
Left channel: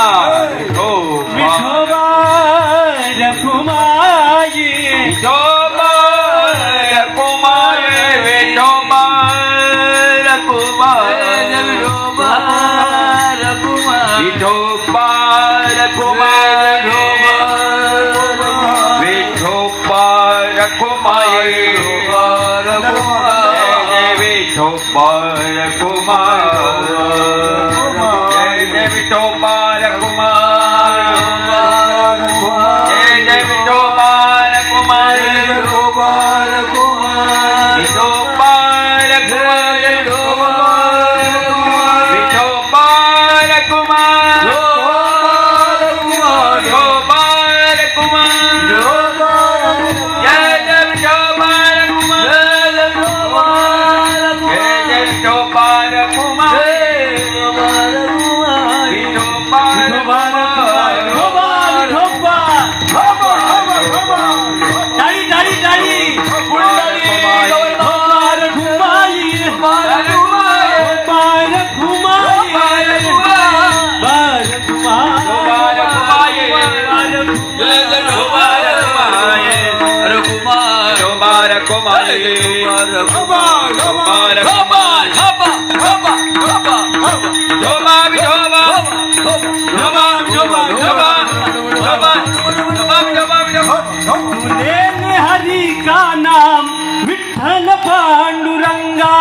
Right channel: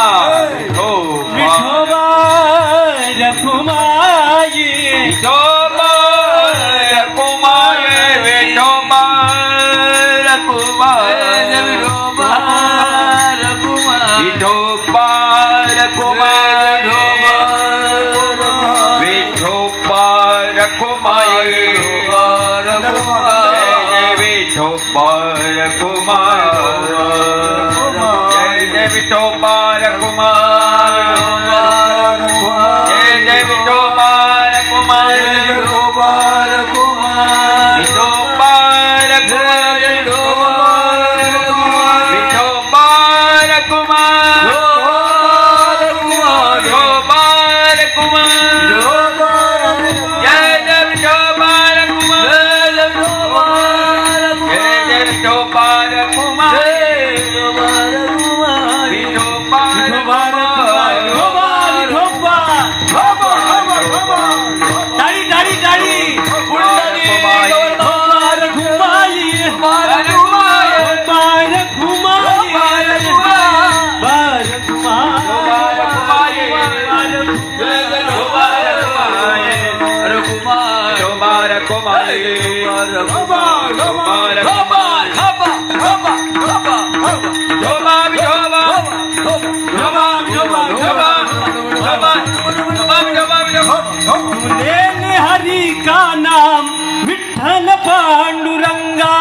विठोबा रखुमाई, विठोबा रखुमाई, विठोबा रखुमाई, विठोबा रखुमाई, विठोबा रखुमाई, विठोबा हरी का नाम विठ्ठल पांडुरंगा,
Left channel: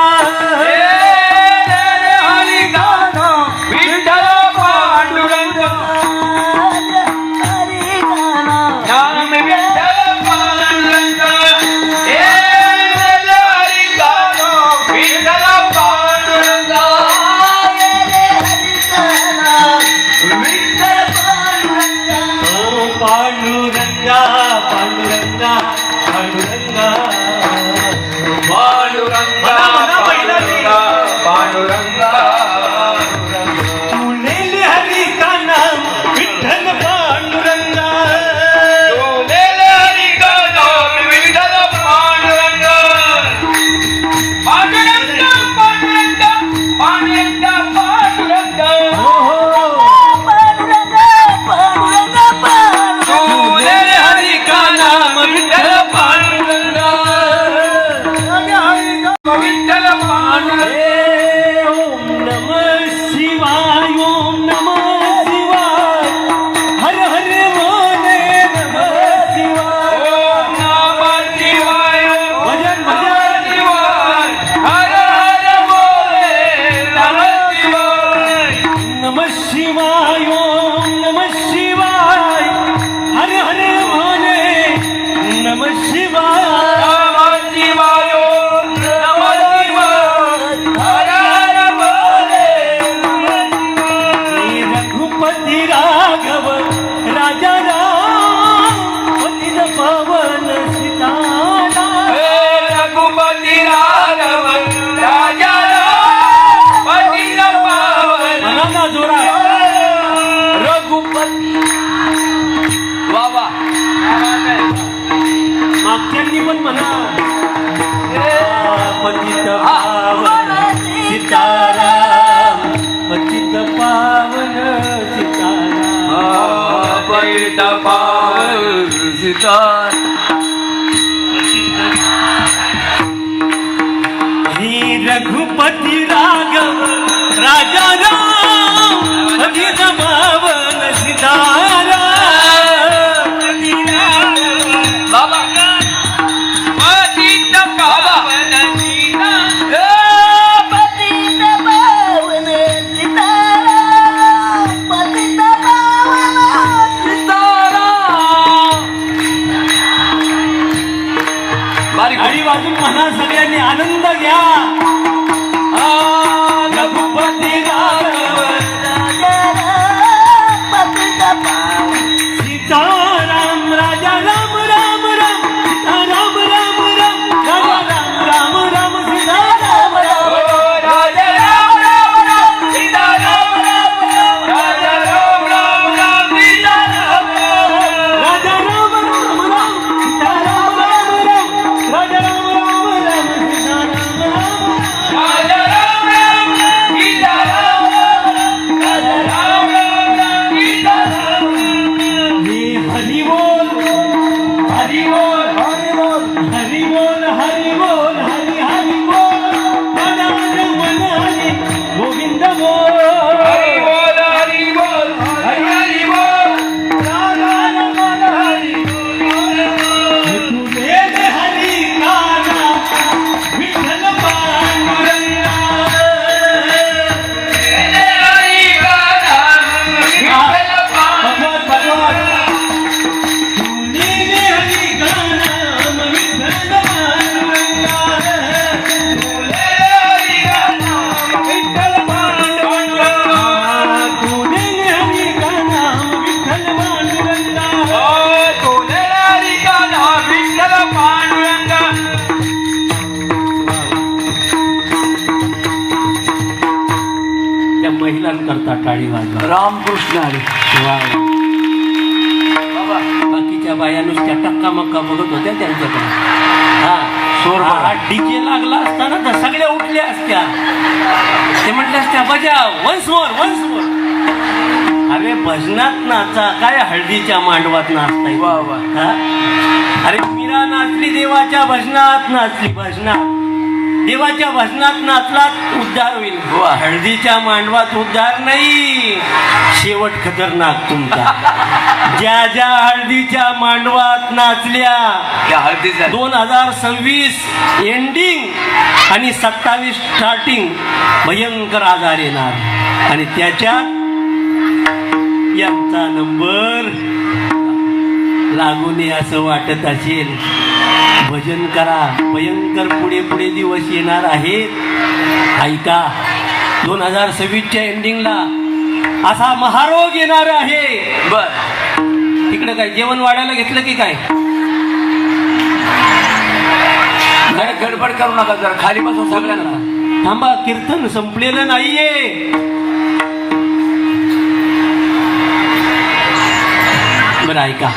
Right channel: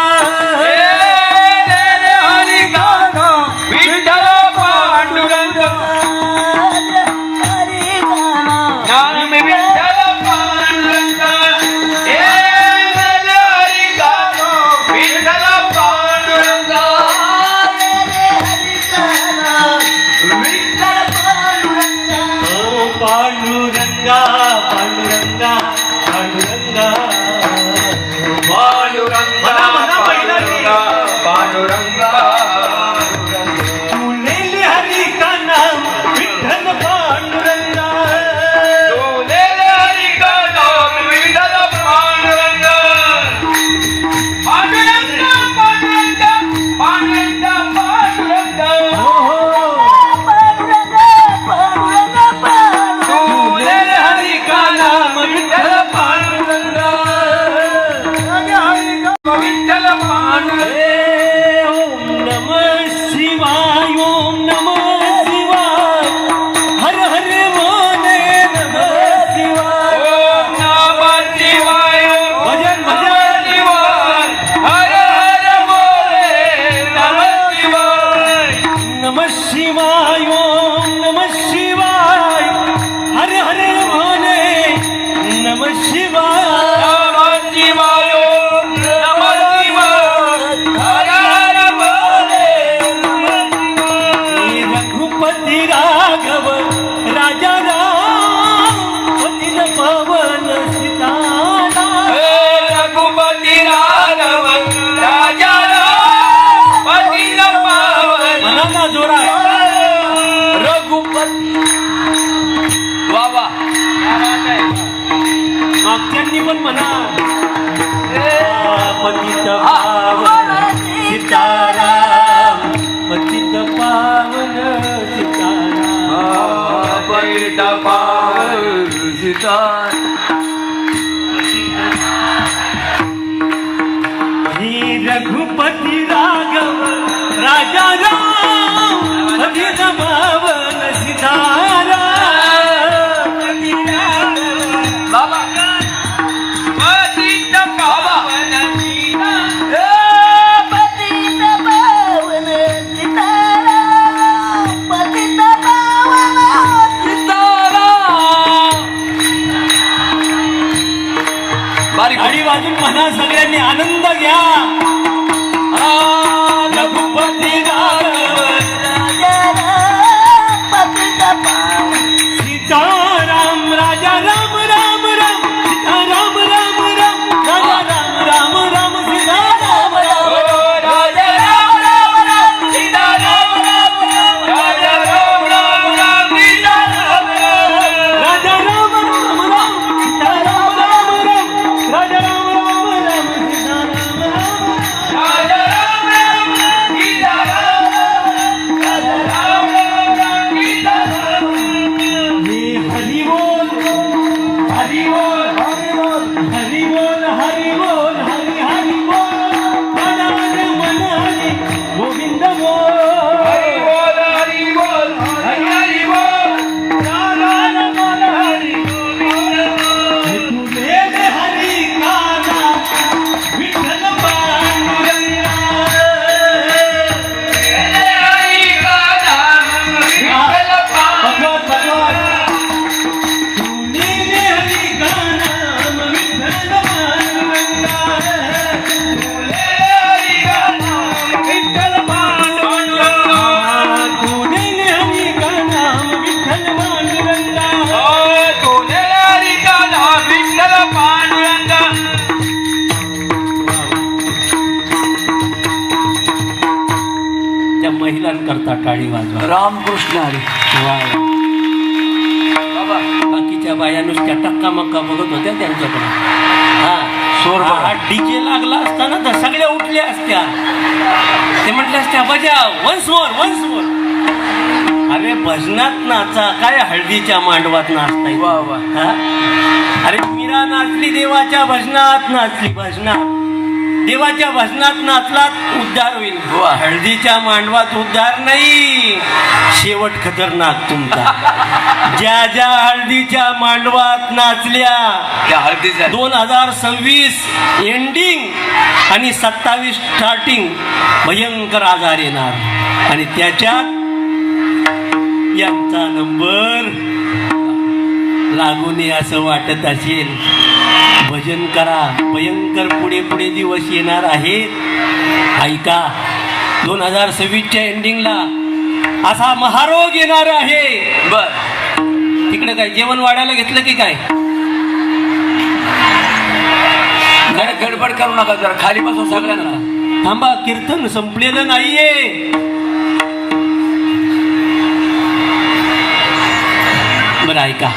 हरी का नाम विठ्ठल पांडुरंगा, नाम विठ्ठल पांडुरंगा, हरी का नाम विठ्ठल पांडुरंगा, पांडुरंगा पांडुरंगा पांडुरंगा पांडुरंगा पांडुरंगा, तूने हरी का नाम विठ्ठल पांडुरंगा, तूने हरी का नाम विठ्ठल पांडुरंगा, पांडुरंगा पांडुरंगा पांडुरंगा पांडुरंगा, तूने हरी का नाम विठ्ठल पांडुरंगा, विठ्ठल पांडुरंगा. ओम नमः शिवाय, ओम नमः शिवाय, हर हर महादेव नमः शिवाय. ओम नमः अजून म्हणा सगळ्यांनी आनंद घ्या. रघुपती सीताराम राजा राम राम राम सीताराम राम राम राजा राम राम राम सीताराम राजा राम राम राम सीता राम राम राम राजा राम राम राम सीता राम राम राजा राम राम राम सीताराम राम राम राजा राम राम राम सीताराम राम राजा राम राम राम सीता राम राम राजा राम राम राम सीता राम हे हरी बोल हरी बोल हरी बोल हरी बोल हरी हरी बोल मन मन हरी गोविंद बोल हरी बोल हरी बोल हरी हरी बोल राम मन हरी बोल तू वेद हरी गाना विठ्ठल पांडुरंगा हरी गाना विठ्ठल भगवत भगवत तूने हरी गाना विठ्ठल पांडुरंगा हरी गाना विठ्ठल पांडुरंगा तूने हरी गाना विठ्ठल पांडुरंगा तोले हरी गाना विठ्ठल पांडुरंगा त्या महिलांकरता टाळी वाजवा. रामकृष्ण हरी बाकीच्या बाया नुसत्या टक्का मक्का बघत होत्या त्यांच्याकडे. हा सोर डीजे लागला असताना तर सगळ्या उठल्या असत्या. ते म्हटल्या असत्या बजा वन्स मोर. अरे भजनात नाचा काय हळदीच्या मांडवात नाचताय. वा वा हा? अरे मीरा नाचली देवाच्या भजनात नाचली भजनात देवाच्या भजनात नाचलात उद्धार होईल. वा. हळदीच्या मांडवात उद्धार नाही. शेवट खतरनाक तुमचा. ज्या ज्या हळदीच्या मांडवात नाचल्या त्या हळदीचा 2026 एंडिंग आणि 27 स्टार्टिंग भयंकर आजार येणार आणि त्याच्यात यांचा नंबर लागू नये असं वाटत असेल. भजन करा. भयंकर पुढे पुढे दिवस येणार आहेत. ऐका 2026च्या एंडिंगला असा महारोग येणार आहे. बर तिकडे काय जेवण वाढायला घेतलं की काय. जरा गडबड करू नका जरा खाली बसून सगळ्यांना थांबा कीर्तन संपलेलं नाहीये. बरं ऐका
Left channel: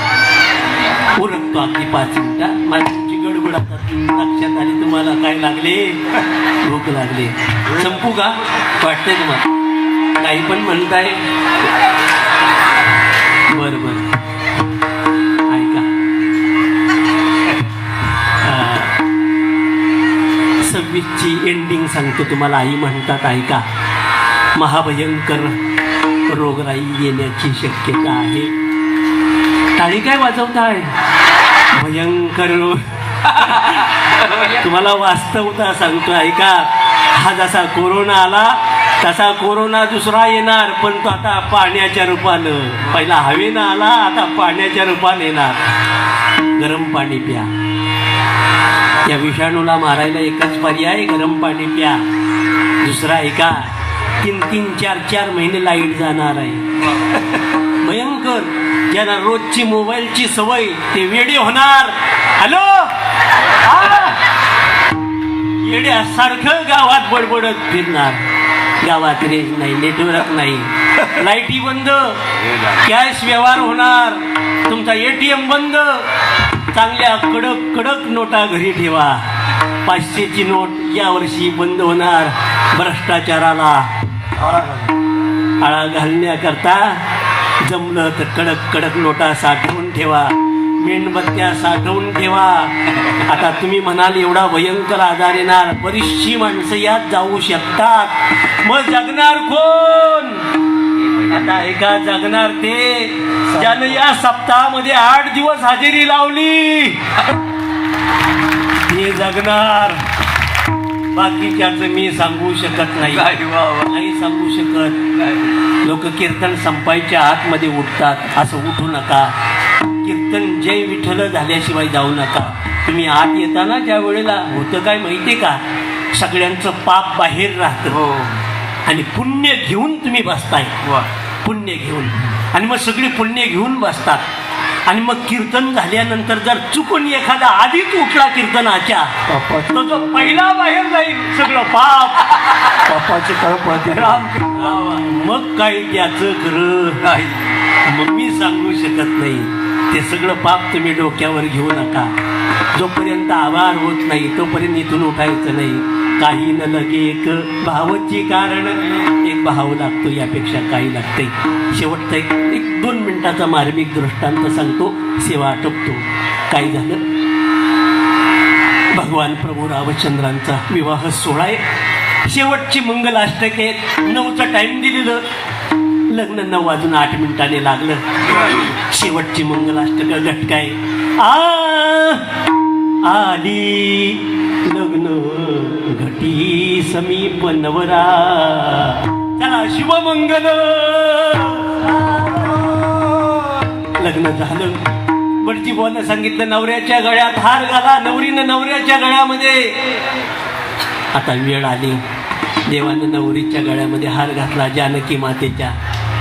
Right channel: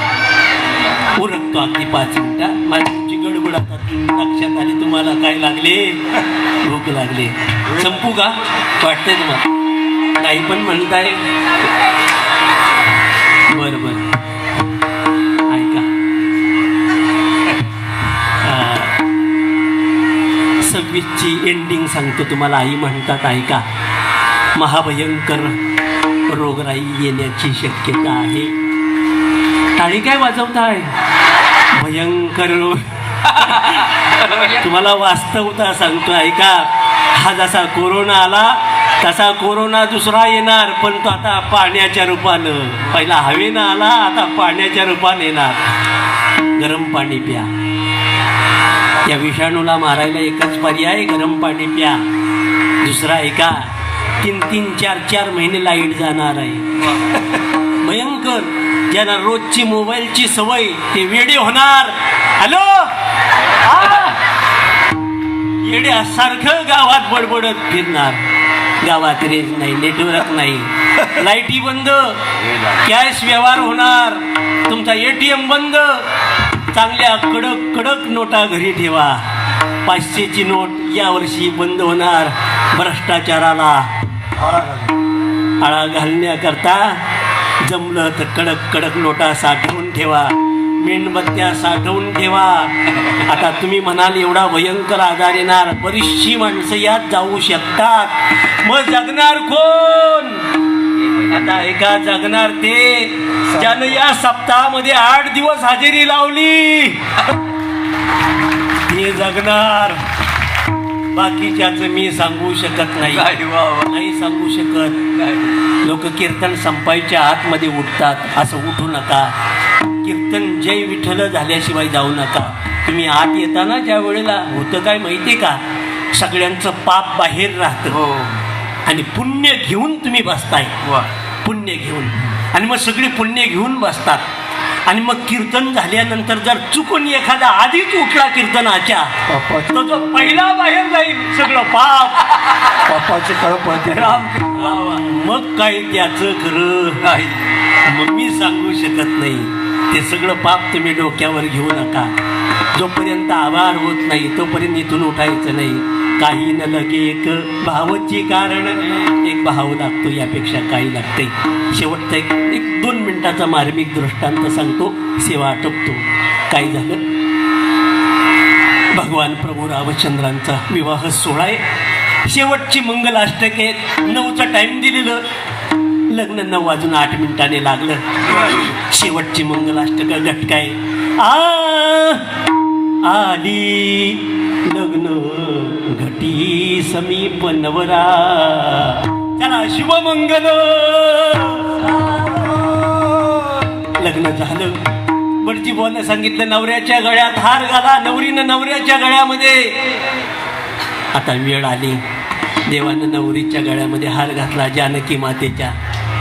उरकतो अगदी 5 मिनिटात. माझी तुमची गडबड आता लक्षात आली. तुम्हाला काय लागले भूक लागली. संपू का वाटतंय तुम्हाला नाही पण म्हणताय. बर बर ऐका 26ची एंडिंग सांगतो तुम्हाला. आई म्हणतात ऐका महाभयंकर रोगराई येण्याची शक्यता आहे. टाळी काय वाजवताय. भयंकर रोग तुम्हाला वास्तवता सांगतो ऐका. हा जसा कोरोना आला तसा कोरोना दुसरा येणार पण तो आता पाण्याच्या रूपानं. पहिला हवेनं आला आता पाण्याच्या रूपाने येणार. गरम पाणी प्या. या विषाणूला मारायला एकच पर्याय गरम पाणी प्या. दुसरा ऐका 3-3, 4-4 महिने लाईट जाणार आहे. भयंकर. ज्याला रोजची मोबाईलची सवय ते वेडे होणार. हॅलो येड्यासारखं गावात बडबडत फिरणार. गावात रेंज नाही नेटवर्क नाही लाईटी बंद कॅश व्यवहार होणार. तुमचा ATM बंद. चांगल्या कडक कडक नोटा घरी ठेवा. 500ची नोट यावर्षी बंद होणार. भ्रष्टाचाराला आळा घालण्याकरता जमलं तर कडक कडक नोटा साठवून ठेवा. मेणबत्त्या साठवून ठेवा. आता तुम्ही म्हणाल एवढा भयंकर आजार येणार. बरीचशी माणसं यात जाऊ शकतात. मग जगणार कोण. आता एका जगणार ते ज्यानं या सप्ताहामध्ये 8 दिवस हजेरी लावली ते जगणार. बाकीच्याच मी सांगू शकत नाही. नाही सांगू शकत. लोक कीर्तन संपायच्या आतमध्ये उठतात. असं उठू नका. कीर्तन जय विठ्ठल झाल्याशिवाय जाऊ नका. तुम्ही आत येताना ज्या वेळेला होतं काय माहितीये का, सगळ्यांचं पाप बाहेर राहतं आणि पुण्य घेऊन तुम्ही बसताय, पुण्य घेऊन, आणि मग सगळी पुण्य घेऊन बसतात. आणि मग कीर्तन झाल्यानंतर जर चुकून एखादा आधीच उठला कीर्तनाच्या, तो जो पहिला बाहेर जाईल सगळं पाप, पापाचे कळप मग काय त्याचं खरं नाही. मग मी सांगू शकत नाही. ते सगळं पाप तुम्ही डोक्यावर घेऊ नका. जोपर्यंत आभार होत नाही तोपर्यंत इथून उठायचं नाही. काही न लगे एक भावची कारण, एक भाव लागतो, यापेक्षा काही लागते. शेवटचा एक 2 मिनिटाचा मार्मिक दृष्टांत सांगतो, सेवा आटोपतो. काय झालं, भगवान प्रभू रामचंद्रांचा विवाह सोहळा आहे. शेवटची मंगलाष्टक आहे. 9चा टाइम दिलेलं, लग्न 9 वाजून 8 मिनिटाने लागलं. शेवटची मंगलाष्टक घटकाय. आली लग्न घटी समीप नवरा, चला शिवमंगल. लग्न झालं. बडजी बोलने सांगितलं, नवऱ्याच्या गळ्यात हार घाला. नवरीनं नवऱ्याच्या गळ्यामध्ये. आता वेळ आली, देवानं नवरीच्या गळ्यामध्ये हार घातला, जानकी मातेच्या.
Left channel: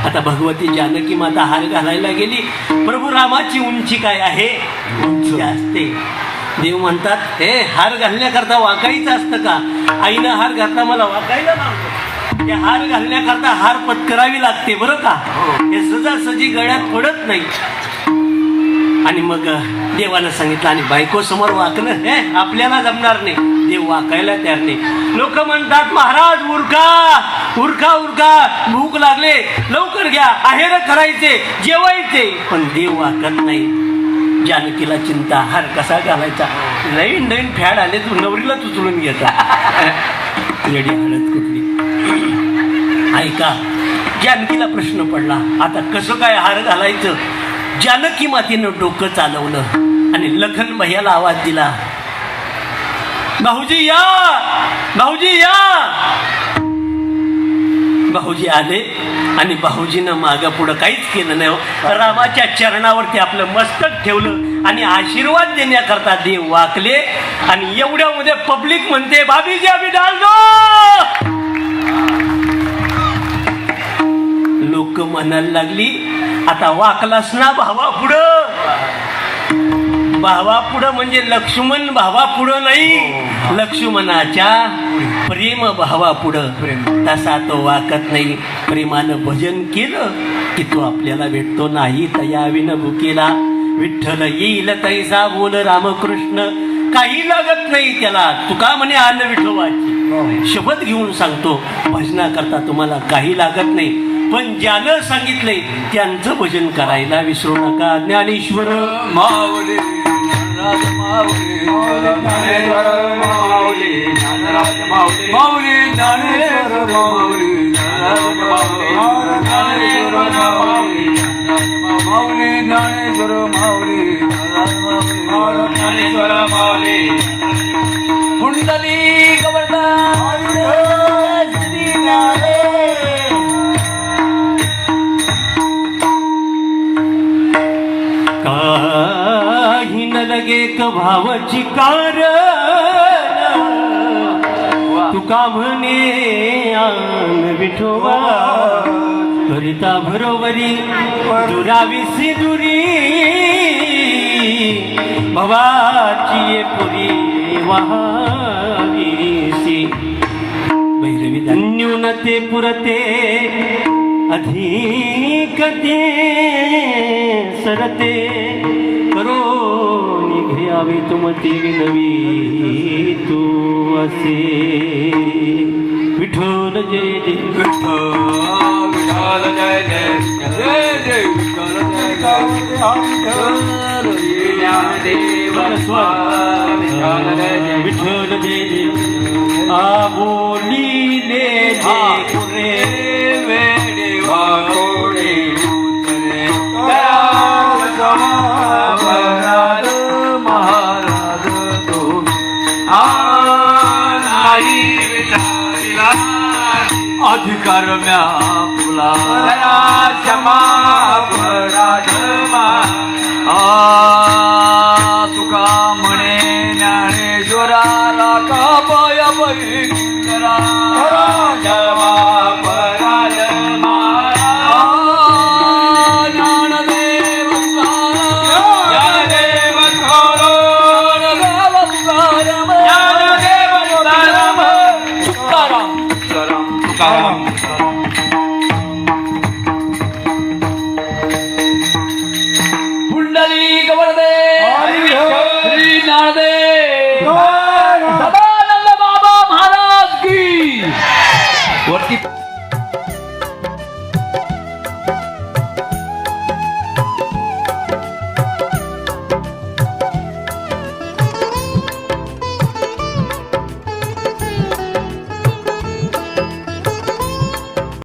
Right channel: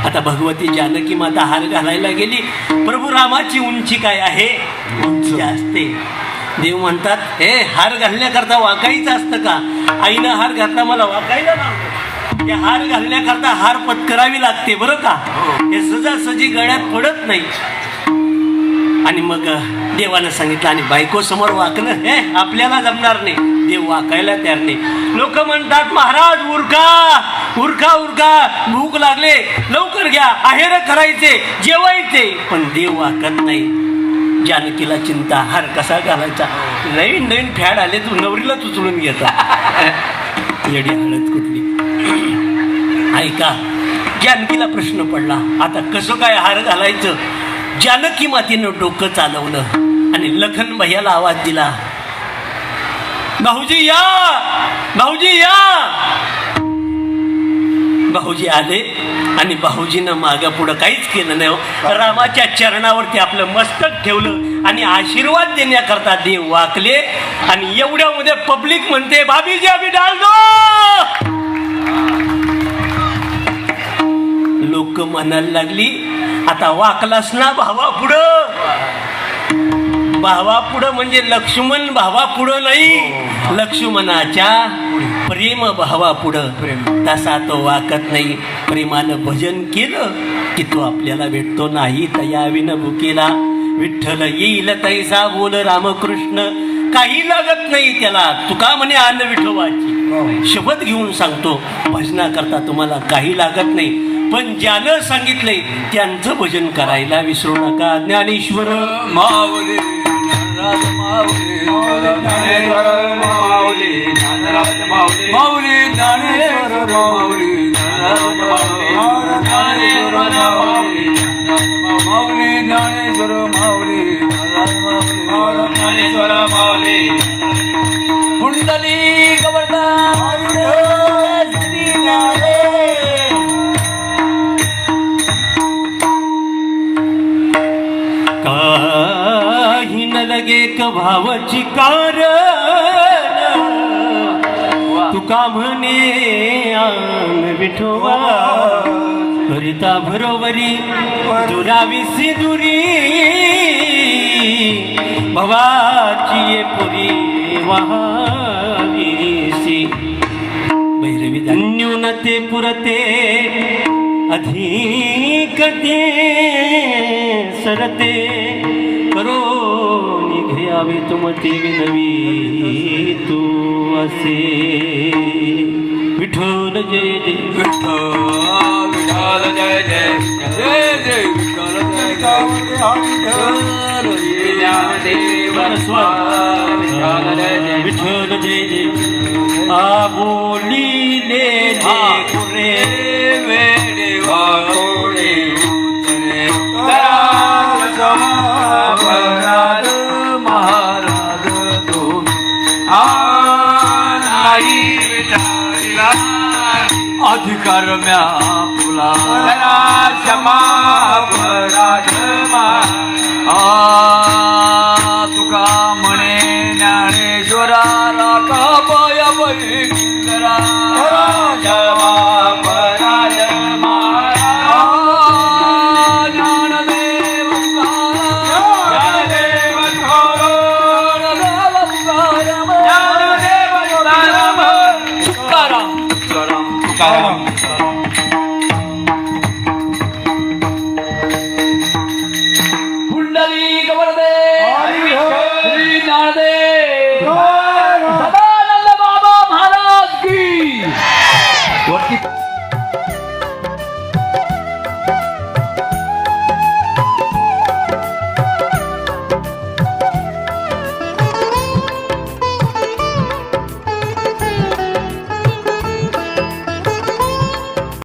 आता भगवती जानकी माता हार घालायला गेली. प्रभू रामाची उंची काय आहे, उंची असते. देव म्हणतात, हे हार घालण्याकरता वाकायचं असतं का? आईनं हार घातला, मला वाकायला लावलं. हे हार घालण्याकरता हार पत्करावी लागते बरं का, हे सहजासहजी गळ्यात पडत नाही. आणि मग देवानं सांगितलं, आणि बायको समोर वाकलं, हे आपल्याला जमणार नाही. देव वाकायला तयार नाही. लोक म्हणतात, महाराज उरका उरका उरका, भूक लागले, लवकर घ्या, आहेर करायचे, जेवायचे. पण देव वाकत नाही. जानकीला चिंता, हार कसा घालायचा, नवीन नवीन फॅड आले, तू नवरीला उचलून घ्यायचा. येडी हालत कुठली. ऐका, जानकीला प्रश्न पडला, आता कसं काय हार घालायचं. जानकी मातेनं डोकं चालवलं आणि लखन भैयाला आवाज दिला, भाऊजी या, भाऊजी या. भाऊजी आले आणि भाऊजीनं मागं पुढं काहीच केलं नाही. रामाच्या चरणावरती आपलं मस्तक ठेवलं आणि आशीर्वाद देण्याकरता देव वाकले. आणि एवढ्यामध्ये पब्लिक म्हणते, भाभीजी आम्ही डाल दो. लोक म्हणायला लागली, आता वाकलास ना भावा पुढं. भावा पुढं म्हणजे लक्ष्मण भावा पुढं नाही, लक्ष्मणाच्या प्रेम भावा पुढं. तसा तो वाकत नाही. प्रेमानं भजन केलं की तो आपल्याला भेटतो. नाही तयाविन भुकेला विठ्ठल येईल तैसा बोल रामकृष्ण. काही लागत नाही त्याला. तुका म्हणे आन विठोबाची शपथ घेऊन सांगतो, भजनाकरता तुम्हाला काही लागत नाही. पण ज्यानं सांगितलंय त्यांचं भजन करायला विसरू नका. ज्ञानेश्वर माऊली माऊली ज्ञानेश्वर माऊली ज्ञानेश्वर माऊली ज्ञानेश्वर माऊली कुंडली काही न लगे भावाची कारण, तुका म्हणे आन विठोबा. करिता बरोबरी दुराविसी दुरी, भवाची ये पुरी वहाविसी. भैरवी न्यूनते पुरते अधिक ते सरते, करो निघ्यावी तुमती नवी तू असे. विठ्ठल जय जय विठ्ठल जय जय जय जय विठ्ठल जय जय. आबोलीले जय अधिकार म्या फुला क्षमा तुका म्हणे ज्ञानेश्वराला